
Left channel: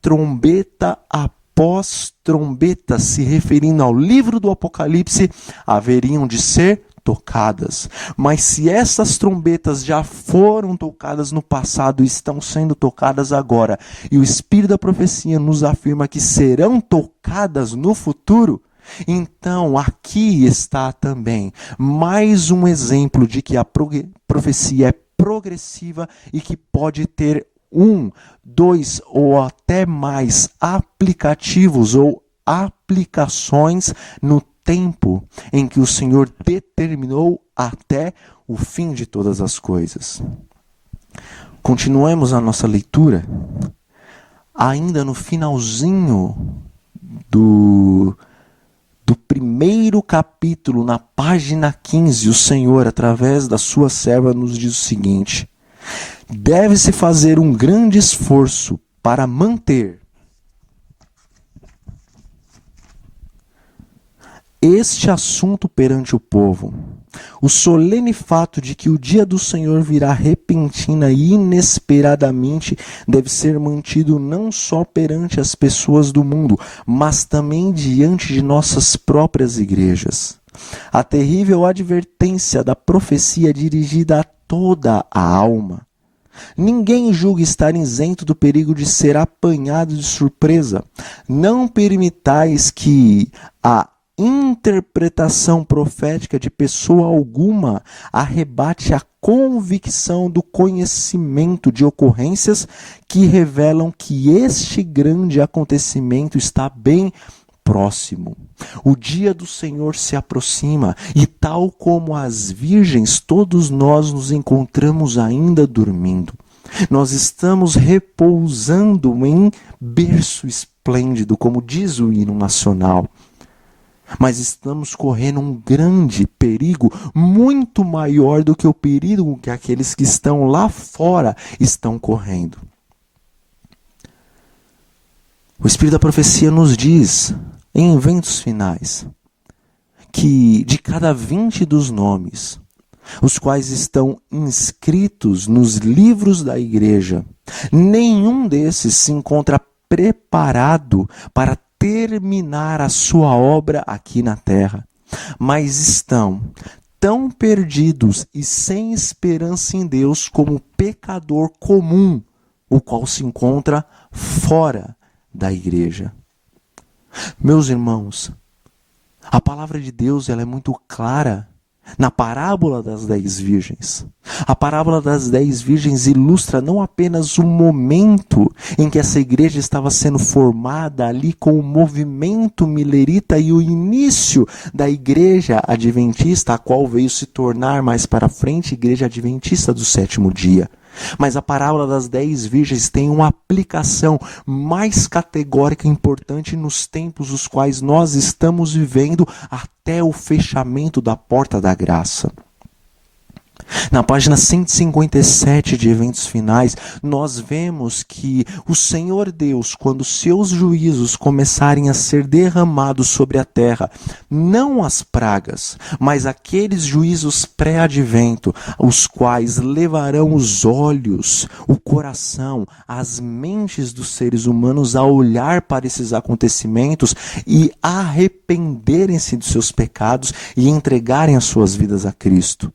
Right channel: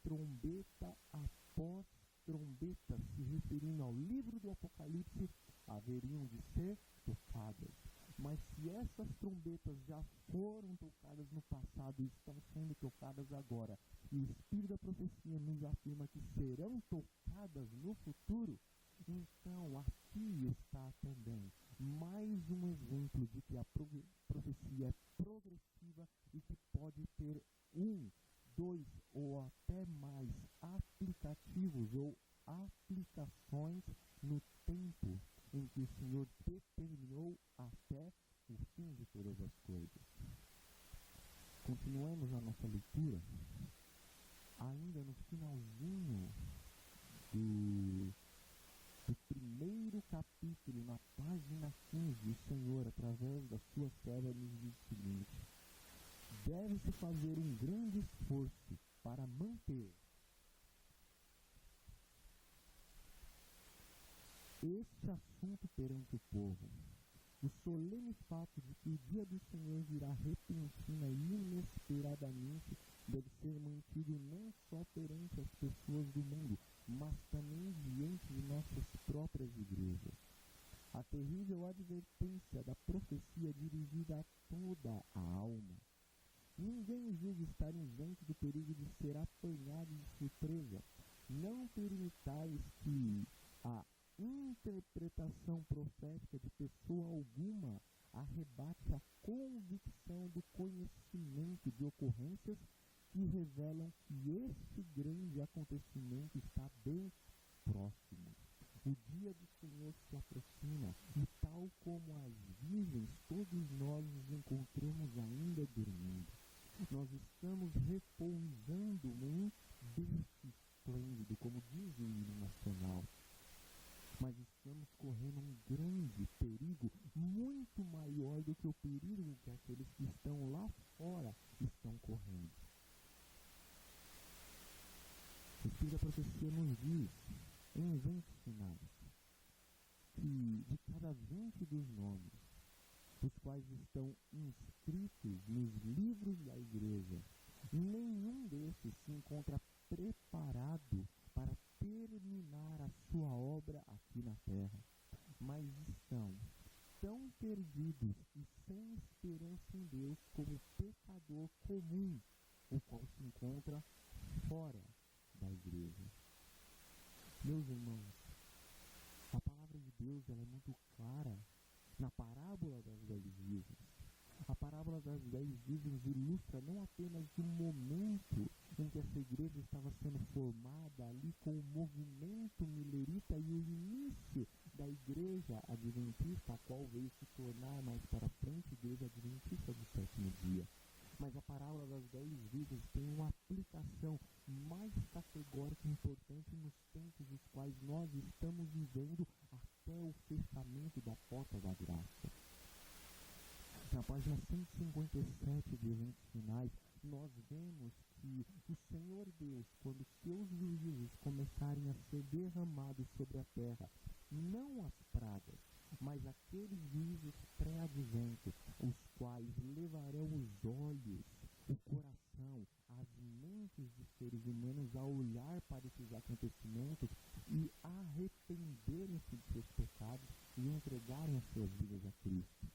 trombeta após trombeta, se referindo ao livro do Apocalipse, haveriam de ser tocadas. Mas se essas trombetas já foram tocadas no passado e estão sendo tocadas agora, e o Espírito da profecia nos afirma que serão tocadas no futuro, então aqui está também mais um exemplo de que a profecia é progressiva e que pode ter um, dois ou até mais aplicativos ou aplicações no tempo em que o Senhor determinou até o fim de todas as coisas. Continuemos a nossa leitura. Ainda no finalzinho do primeiro capítulo, na página 15, o Senhor, através da sua serva, nos diz o seguinte: deve-se fazer um grande esforço para manter este assunto perante o povo. O solene fato de que o dia do Senhor virá repentina e inesperadamente deve ser mantido não só perante as pessoas do mundo, mas também diante de nossas próprias igrejas. A terrível advertência da profecia dirigida a toda a alma. Ninguém julga estar isento do perigo de ser apanhado de surpresa. Não permitais que a interpretação profética de pessoa alguma arrebate a convicção do conhecimento de ocorrências que revelam que este grande acontecimento está bem próximo. O dia do Senhor se aproxima e, tal como as virgens, todos nós nos encontramos ainda dormindo. Nós estamos repousando em berço esplêndido, como diz o hino nacional. Mas estamos correndo um grande perigo, muito maior do que o perigo que aqueles que estão lá fora estão correndo. O Espírito da Profecia nos diz, em eventos finais, que de cada 20 dos nomes, os quais estão inscritos nos livros da igreja, nenhum desses se encontra preparado para terminar a sua obra aqui na terra, mas estão tão perdidos e sem esperança em Deus como o pecador comum, o qual se encontra fora da igreja. Meus irmãos, a palavra de Deus ela é muito clara na parábola das 10 virgens. A parábola das 10 virgens ilustra não apenas o momento em que essa igreja estava sendo formada ali com o movimento milerita e o início da igreja adventista, a qual veio se tornar mais para frente igreja adventista do sétimo dia. Mas a parábola das 10 virgens tem uma aplicação mais categórica e importante nos tempos os quais nós estamos vivendo até o fechamento da porta da graça. Na página 157 de Eventos Finais, nós vemos que o Senhor Deus, quando seus juízos começarem a ser derramados sobre a terra, não as pragas, mas aqueles juízos pré-advento, os quais levarão os olhos, o coração, as mentes dos seres humanos a olhar para esses acontecimentos e arrependerem-se de seus pecados e entregarem as suas vidas a Cristo.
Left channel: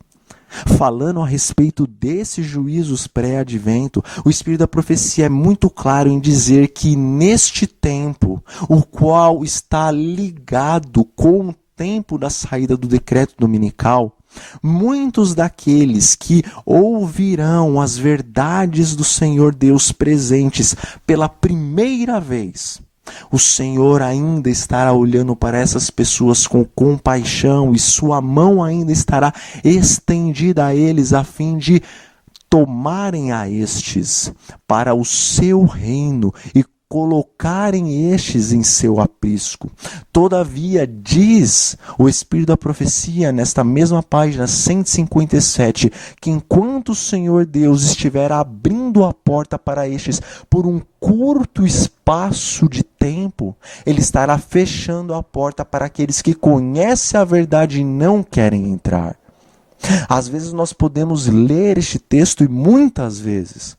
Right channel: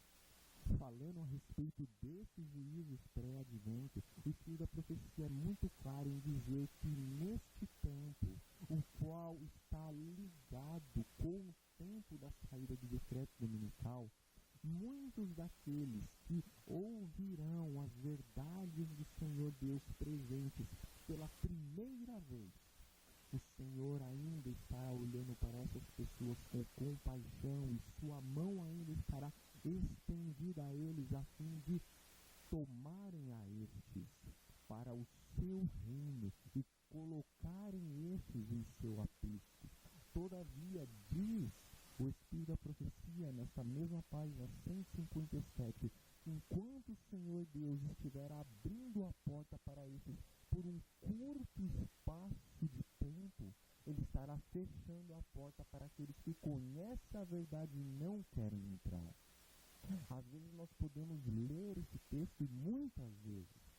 Falando a respeito desses juízos pré-advento, o Espírito da Profecia é muito claro em dizer que neste tempo, o qual está ligado com o tempo da saída do decreto dominical, muitos daqueles que ouvirão as verdades do Senhor Deus presentes pela primeira vez, o Senhor ainda estará olhando para essas pessoas com compaixão e sua mão ainda estará estendida a eles a fim de tomarem a estes para o seu reino e colocarem estes em seu aprisco. Todavia, diz o Espírito da Profecia, nesta mesma página 157, que enquanto o Senhor Deus estiver abrindo a porta para estes por um curto espaço de tempo, Ele estará fechando a porta para aqueles que conhecem a verdade e não querem entrar. Às vezes nós podemos ler este texto e muitas vezes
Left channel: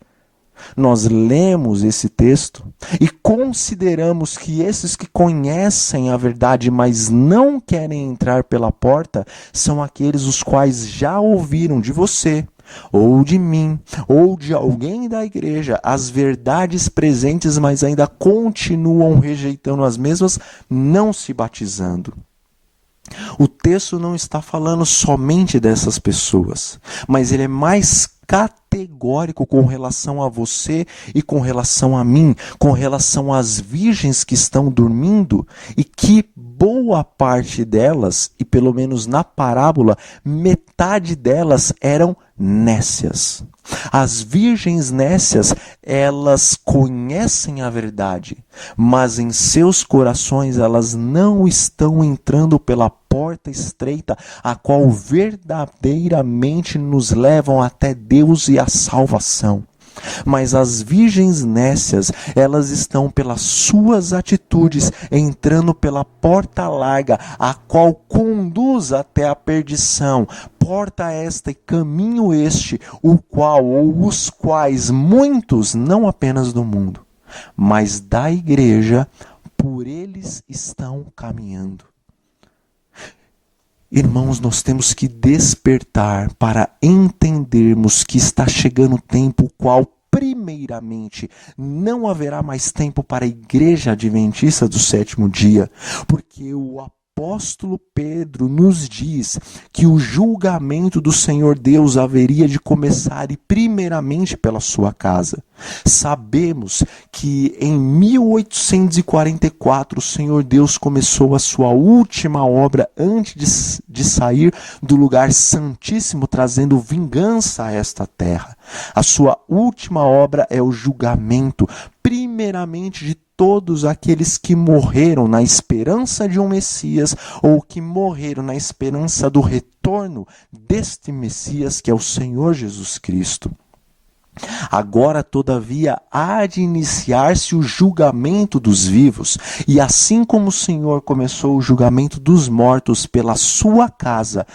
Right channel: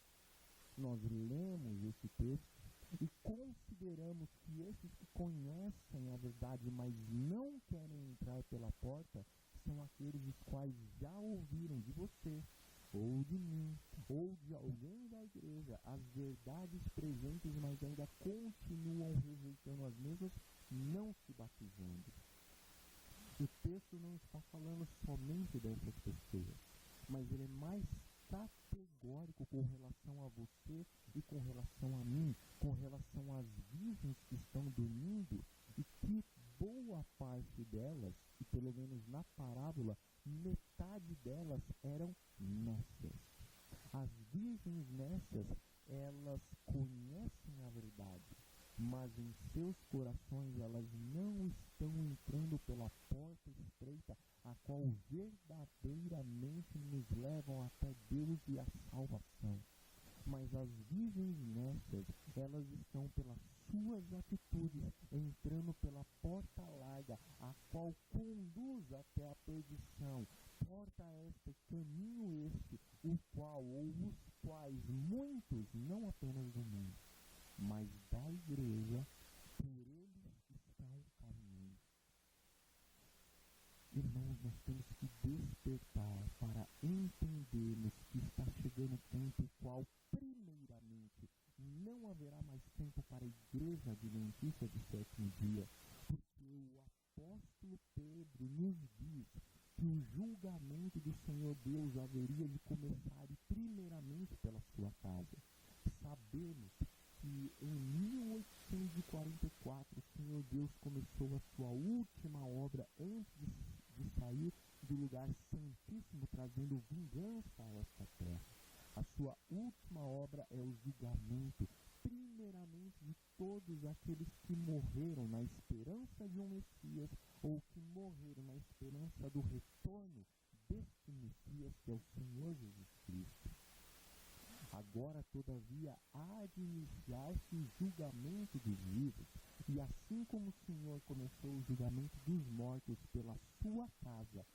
nós lemos esse texto e consideramos que esses que conhecem a verdade, mas não querem entrar pela porta, são aqueles os quais já ouviram de você, ou de mim, ou de alguém da igreja, as verdades presentes, mas ainda continuam rejeitando as mesmas, não se batizando. O texto não está falando somente dessas pessoas, mas ele é mais categórico categórico com relação a você e com relação a mim, com relação às virgens que estão dormindo, e que boa parte delas, e pelo menos na parábola, metade delas eram nécias. As virgens nécias, elas conhecem a verdade, mas em seus corações elas não estão entrando pela porta estreita, a qual verdadeiramente nos levam até Deus e a salvação. Mas as virgens nécias, elas estão pelas suas atitudes entrando pela porta larga, a qual conduz até a perdição. Porta esta e caminho este, o qual ou os quais muitos, não apenas do mundo, mas da igreja, por eles estão caminhando. Irmãos, nós temos que despertar para entendermos que está chegando o tempo qual, primeiramente, não haverá mais tempo para a Igreja Adventista do Sétimo Dia, porque o apóstolo Pedro nos diz que o julgamento do Senhor Deus haveria de começar e primeiramente pela sua casa. Sabemos que em 1844 o Senhor Deus começou a sua última obra antes de sair do lugar santíssimo, trazendo vingança a esta terra. A sua última obra é o julgamento, primeiramente de todos aqueles que morreram na esperança de um Messias, ou que morreram na esperança do retorno deste Messias, que é o Senhor Jesus Cristo. Agora, todavia, há de iniciar-se o julgamento dos vivos, e assim como o Senhor começou o julgamento dos mortos pela sua casa,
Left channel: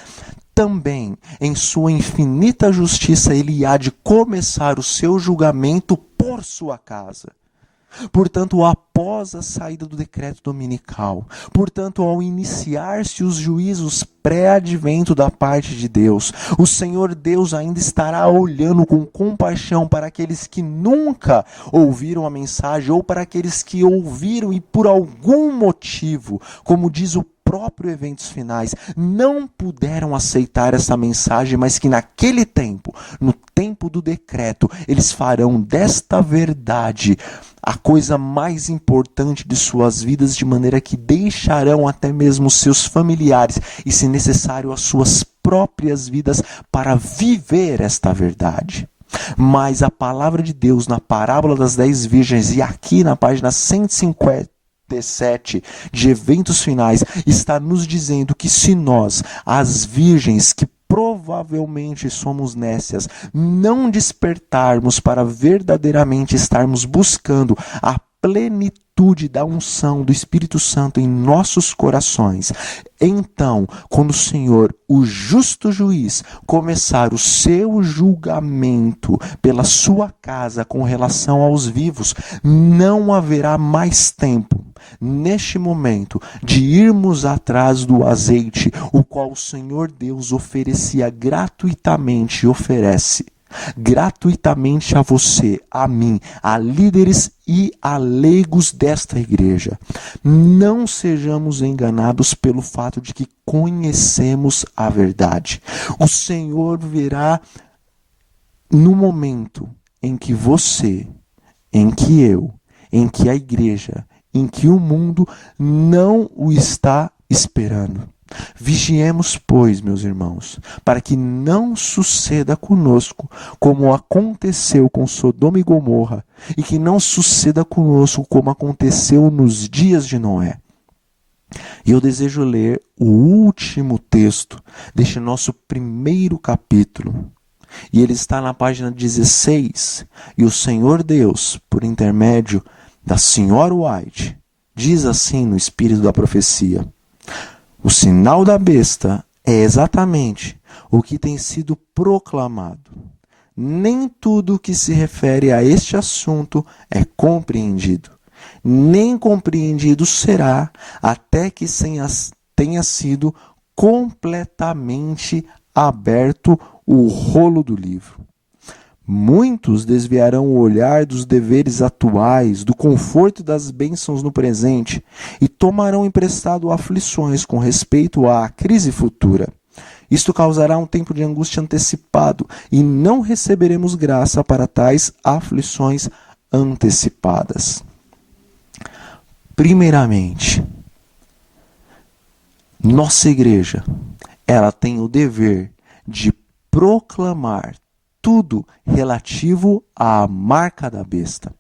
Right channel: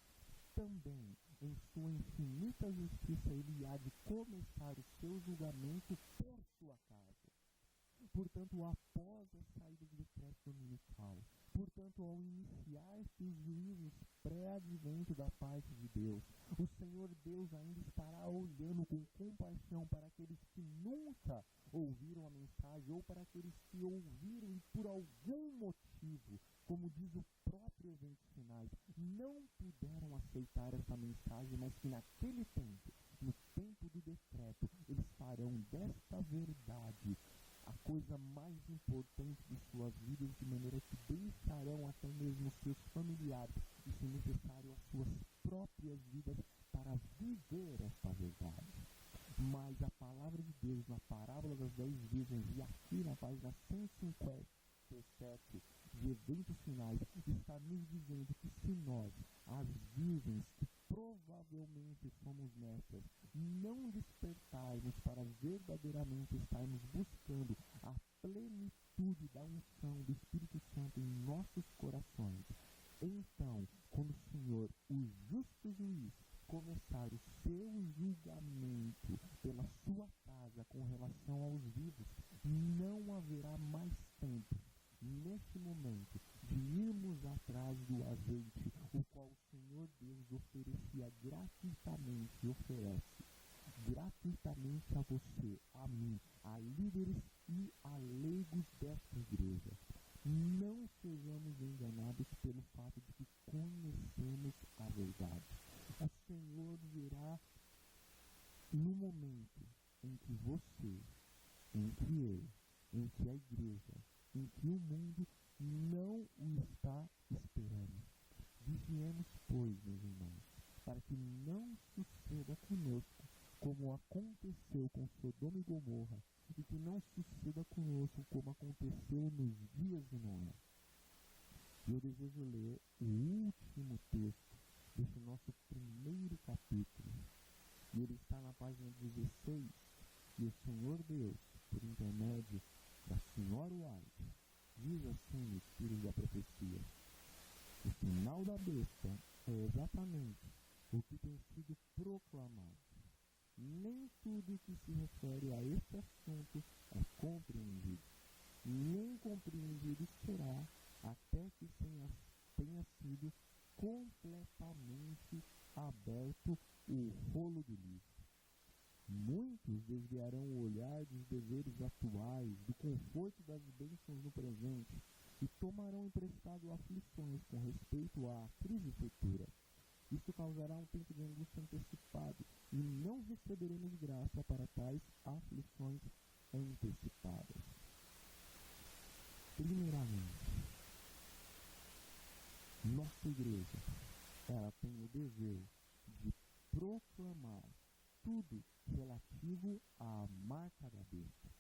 também, em sua infinita justiça, ele há de começar o seu julgamento por sua casa. Portanto, após a saída do decreto dominical, portanto, ao iniciar-se os juízos pré-advento da parte de Deus, o Senhor Deus ainda estará olhando com compaixão para aqueles que nunca ouviram a mensagem, ou para aqueles que ouviram e por algum motivo, como diz o próprio Eventos Finais, não puderam aceitar essa mensagem, mas que naquele tempo, no tempo do decreto, eles farão desta verdade a coisa mais importante de suas vidas, de maneira que deixarão até mesmo seus familiares e, se necessário, as suas próprias vidas para viver esta verdade. Mas a palavra de Deus na parábola das 10 virgens e aqui na página 157 de Eventos Finais está nos dizendo que se nós, as virgens que provavelmente somos nécias, não despertarmos para verdadeiramente estarmos buscando a plenitude da unção do Espírito Santo em nossos corações, então, quando o Senhor, o justo juiz, começar o seu julgamento pela sua casa com relação aos vivos, não haverá mais tempo, neste momento, de irmos atrás do azeite, o qual o Senhor Deus oferecia gratuitamente e oferece gratuitamente a você, a mim, a líderes e a leigos desta igreja. Não sejamos enganados pelo fato de que conhecemos a verdade. O Senhor virá no momento em que você, em que eu, em que a igreja, em que o mundo não o está esperando. Vigiemos, pois, meus irmãos, para que não suceda conosco como aconteceu com Sodoma e Gomorra, e que não suceda conosco como aconteceu nos dias de Noé. E eu desejo ler o último texto deste nosso primeiro capítulo. E ele está na página 16. E o Senhor Deus, por intermédio da Senhora White, diz assim no espírito da profecia: o sinal da besta é exatamente o que tem sido proclamado. Nem tudo o que se refere a este assunto é compreendido, nem compreendido será até que tenha sido completamente aberto o rolo do livro. Muitos desviarão o olhar dos deveres atuais, do conforto e das bênçãos no presente, e tomarão emprestado aflições com respeito à crise futura. Isto causará um tempo de angústia antecipado, e não receberemos graça para tais aflições antecipadas. Primeiramente, nossa igreja, ela tem o dever de proclamar tudo relativo à marca da besta.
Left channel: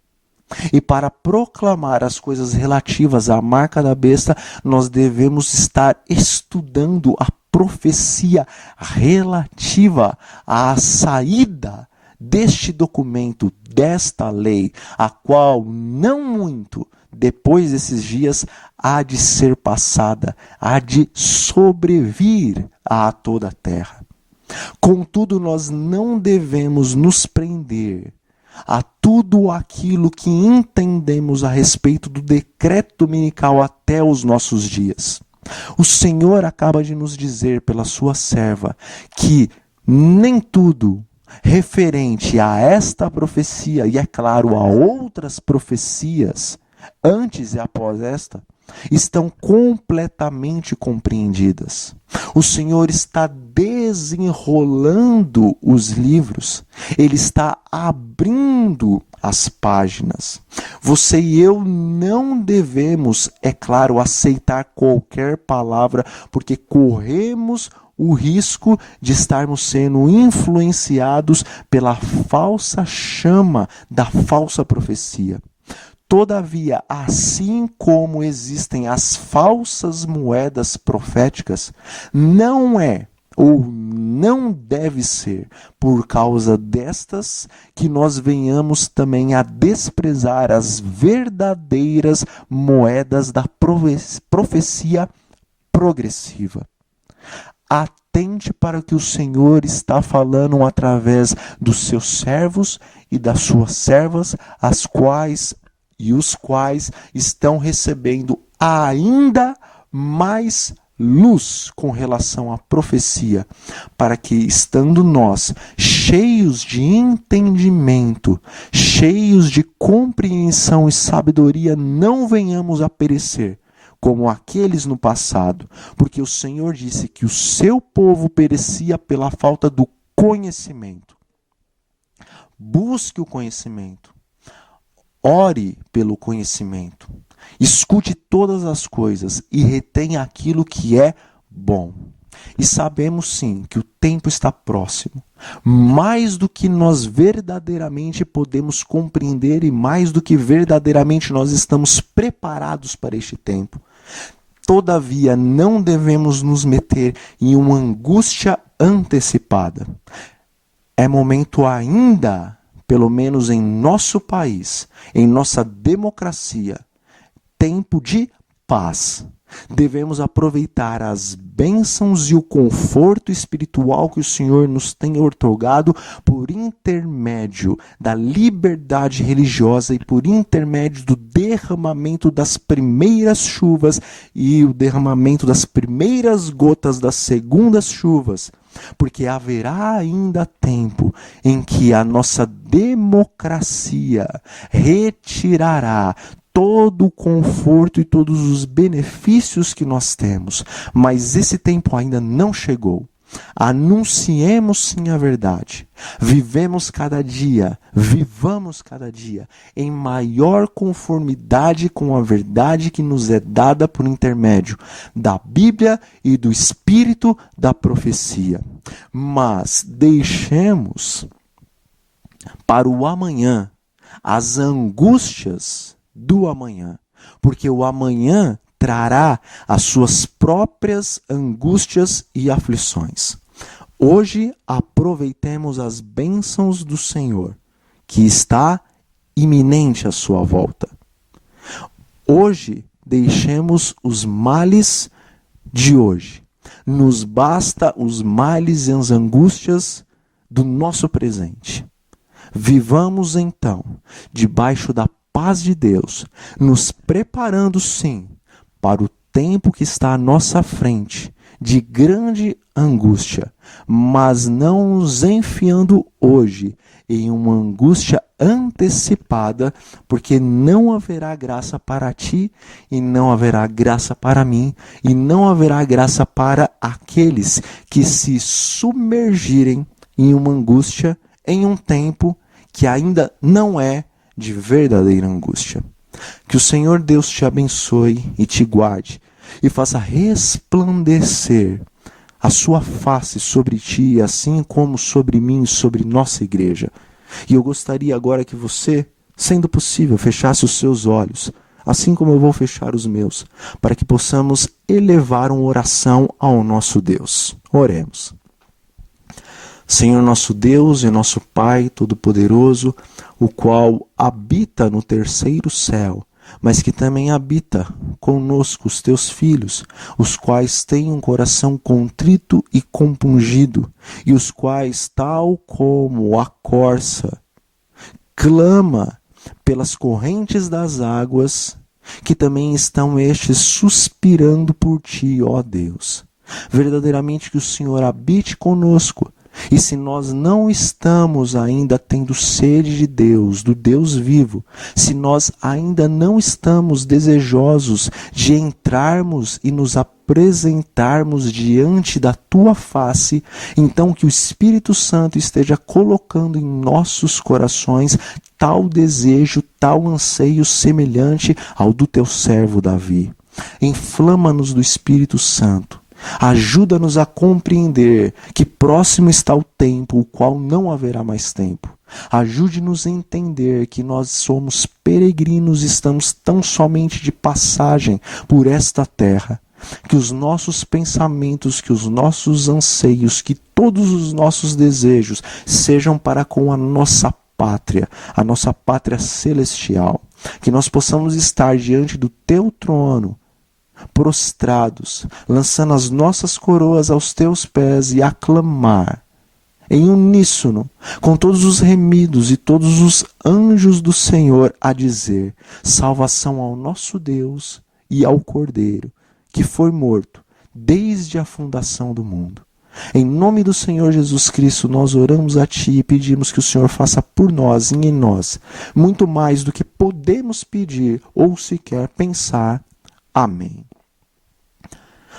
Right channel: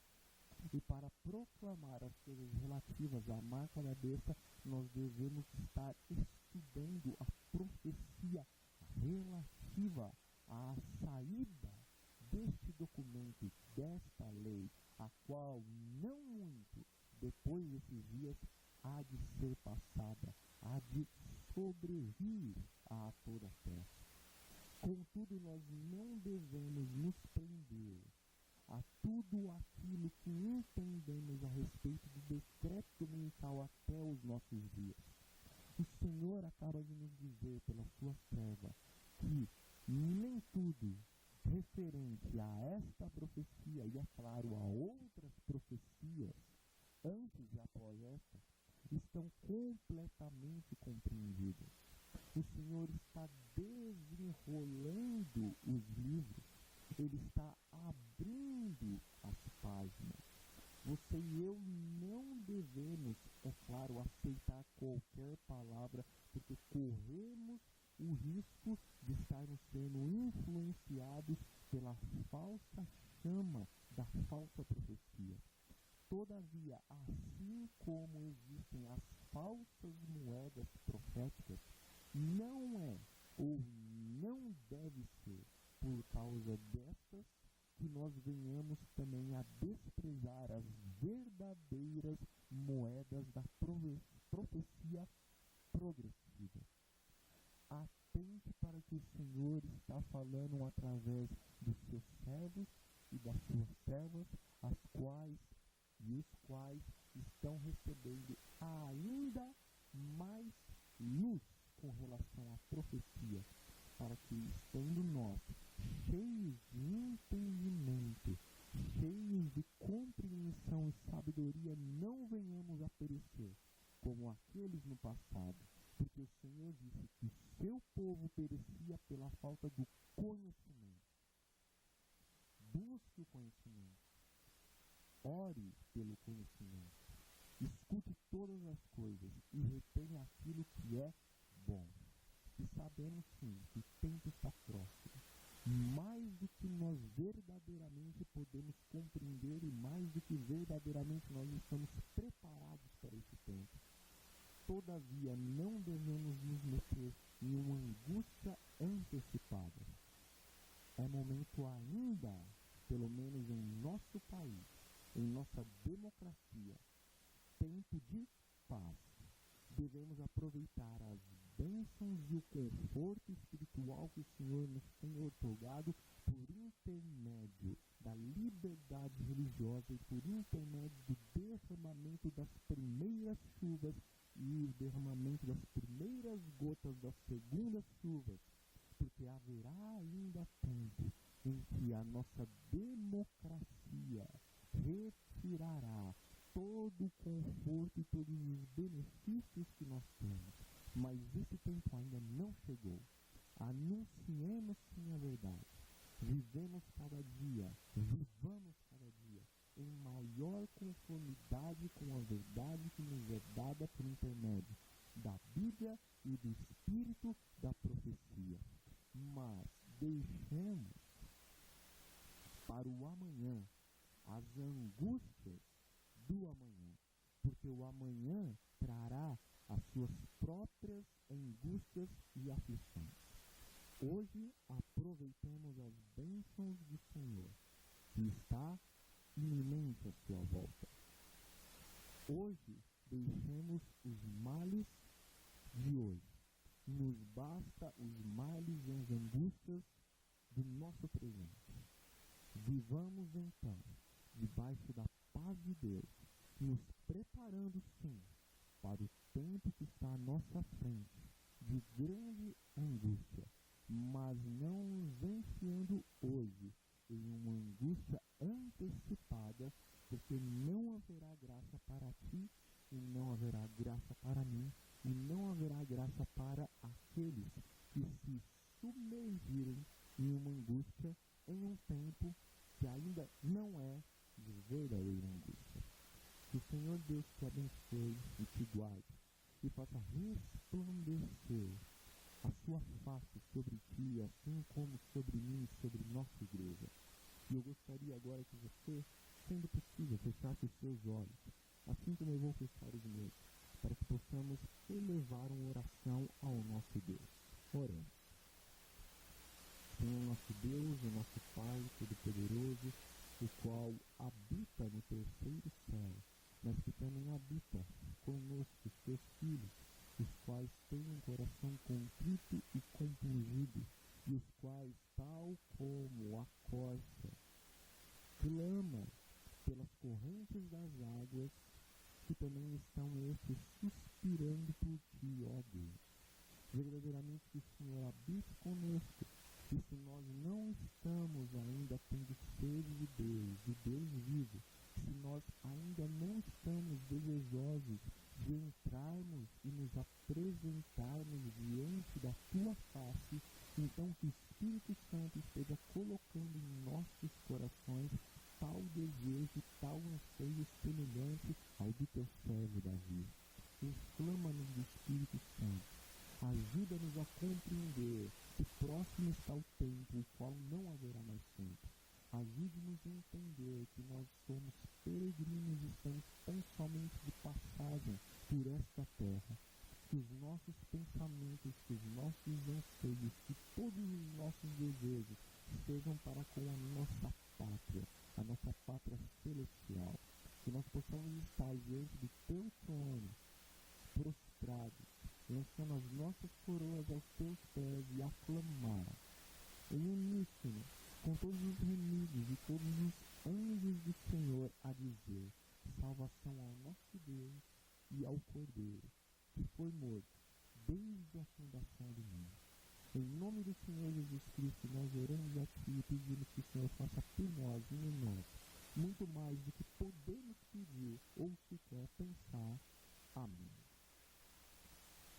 E para proclamar as coisas relativas à marca da besta, nós devemos estar estudando a profecia relativa à saída deste documento, desta lei, a qual não muito depois desses dias há de ser passada, há de sobrevir a toda a terra. Contudo, nós não devemos nos prender a tudo aquilo que entendemos a respeito do decreto dominical até os nossos dias. O Senhor acaba de nos dizer pela sua serva que nem tudo referente a esta profecia, e é claro, a outras profecias, antes e após esta, estão completamente compreendidas. O Senhor está desenrolando os livros, Ele está abrindo as páginas. Você e eu não devemos, é claro, aceitar qualquer palavra, porque corremos o risco de estarmos sendo influenciados pela falsa chama da falsa profecia. Todavia, assim como existem as falsas moedas proféticas, não é ou não deve ser por causa destas que nós venhamos também a desprezar as verdadeiras moedas da profecia progressiva. Atente para o que o Senhor está falando através dos seus servos e das suas servas, os quais estão recebendo ainda mais luz com relação à profecia, para que, estando nós cheios de entendimento, cheios de compreensão e sabedoria, não venhamos a perecer como aqueles no passado, porque o Senhor disse que o seu povo perecia pela falta do conhecimento. Busque o conhecimento. Ore pelo conhecimento. Escute todas as coisas e retenha aquilo que é bom. E sabemos sim que o tempo está próximo. Mais do que nós verdadeiramente podemos compreender e mais do que verdadeiramente nós estamos preparados para este tempo. Todavia, não devemos nos meter em uma angústia antecipada. É momento ainda, pelo menos em nosso país, em nossa democracia, tempo de paz. Devemos aproveitar as bênçãos e o conforto espiritual que o Senhor nos tem outorgado por intermédio da liberdade religiosa e por intermédio do derramamento das primeiras chuvas e o derramamento das primeiras gotas das segundas chuvas. Porque haverá ainda tempo em que a nossa democracia retirará todo o conforto e todos os benefícios que nós temos. Mas esse tempo ainda não chegou. Anunciemos sim a verdade. Vivamos cada dia, vivamos cada dia em maior conformidade com a verdade que nos é dada por intermédio da Bíblia e do Espírito da profecia. Mas deixemos para o amanhã as angústias do amanhã, porque o amanhã trará as suas próprias angústias e aflições. Hoje aproveitemos as bênçãos do Senhor, que está iminente à sua volta. Hoje deixemos os males de hoje. Nos basta os males e as angústias do nosso presente. Vivamos então debaixo da paz de Deus, nos preparando sim para o tempo que está à nossa frente, de grande angústia, mas não nos enfiando hoje em uma angústia antecipada, porque não haverá graça para ti, e não haverá graça para mim, e não haverá graça para aqueles que se submergirem em uma angústia em um tempo que ainda não é de verdadeira angústia. Que o Senhor Deus te abençoe e te guarde, e faça resplandecer a sua face sobre ti, assim como sobre mim e sobre nossa igreja. E eu gostaria agora que você, sendo possível, fechasse os seus olhos, assim como eu vou fechar os meus, para que possamos elevar uma oração ao nosso Deus. Oremos. Senhor nosso Deus e nosso Pai Todo-Poderoso, o qual habita no terceiro céu, mas que também habita conosco os teus filhos, os quais têm um coração contrito e compungido, e os quais, tal como a corça, clama pelas correntes das águas, que também estão estes suspirando por ti, ó Deus. Verdadeiramente que o Senhor habite conosco. E se nós não estamos ainda tendo sede de Deus, do Deus vivo, se nós ainda não estamos desejosos de entrarmos e nos apresentarmos diante da tua face, então que o Espírito Santo esteja colocando em nossos corações tal desejo, tal anseio semelhante ao do teu servo Davi. Inflama-nos do Espírito Santo. Ajuda-nos a compreender que próximo está o tempo, o qual não haverá mais tempo. Ajude-nos a entender que nós somos peregrinos e estamos tão somente de passagem por esta terra. Que os nossos pensamentos, que os nossos anseios, que todos os nossos desejos sejam para com a nossa pátria celestial. Que nós possamos estar diante do teu trono, prostrados, lançando as nossas coroas aos teus pés e aclamar em uníssono com todos os remidos e todos os anjos do Senhor a dizer: salvação ao nosso Deus e ao Cordeiro, que foi morto desde a fundação do mundo. Em nome do Senhor Jesus Cristo, nós oramos a Ti e pedimos que o Senhor faça por nós e em nós muito mais do que podemos pedir ou sequer pensar. Amém.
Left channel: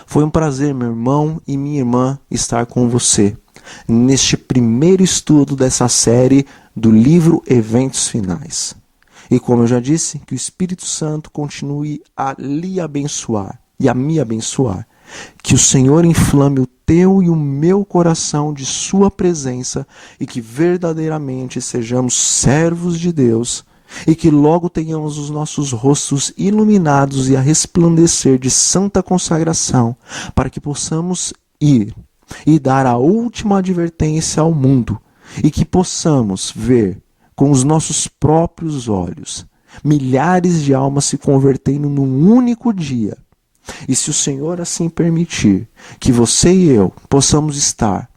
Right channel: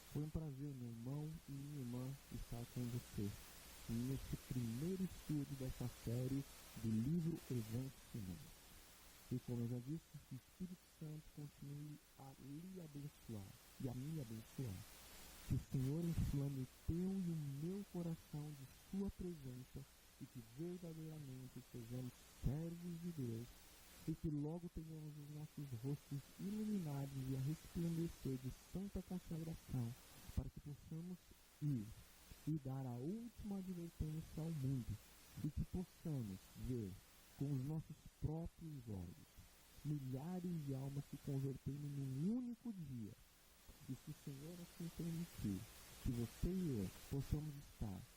Foi um prazer, meu irmão e minha irmã, estar com você neste primeiro estudo dessa série do livro Eventos Finais. E como eu já disse, que o Espírito Santo continue a lhe abençoar e a me abençoar. Que o Senhor inflame o teu e o meu coração de sua presença e que verdadeiramente sejamos servos de Deus e que logo tenhamos os nossos rostos iluminados e a resplandecer de santa consagração, para que possamos ir e dar a última advertência ao mundo e que possamos ver com os nossos próprios olhos milhares de almas se convertendo num único dia. E se o Senhor assim permitir que você e eu possamos estar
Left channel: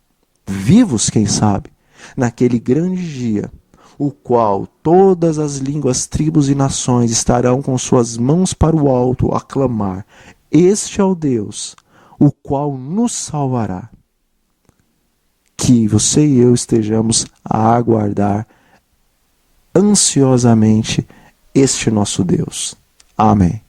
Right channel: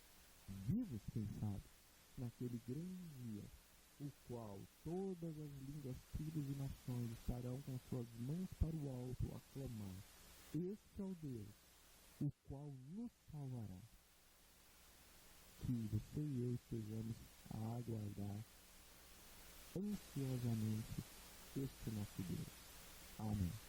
vivos, quem sabe, naquele grande dia, o qual todas as línguas, tribos e nações estarão com suas mãos para o alto a clamar: este é o Deus, o qual nos salvará. Que você e eu estejamos a aguardar ansiosamente este nosso Deus. Amém.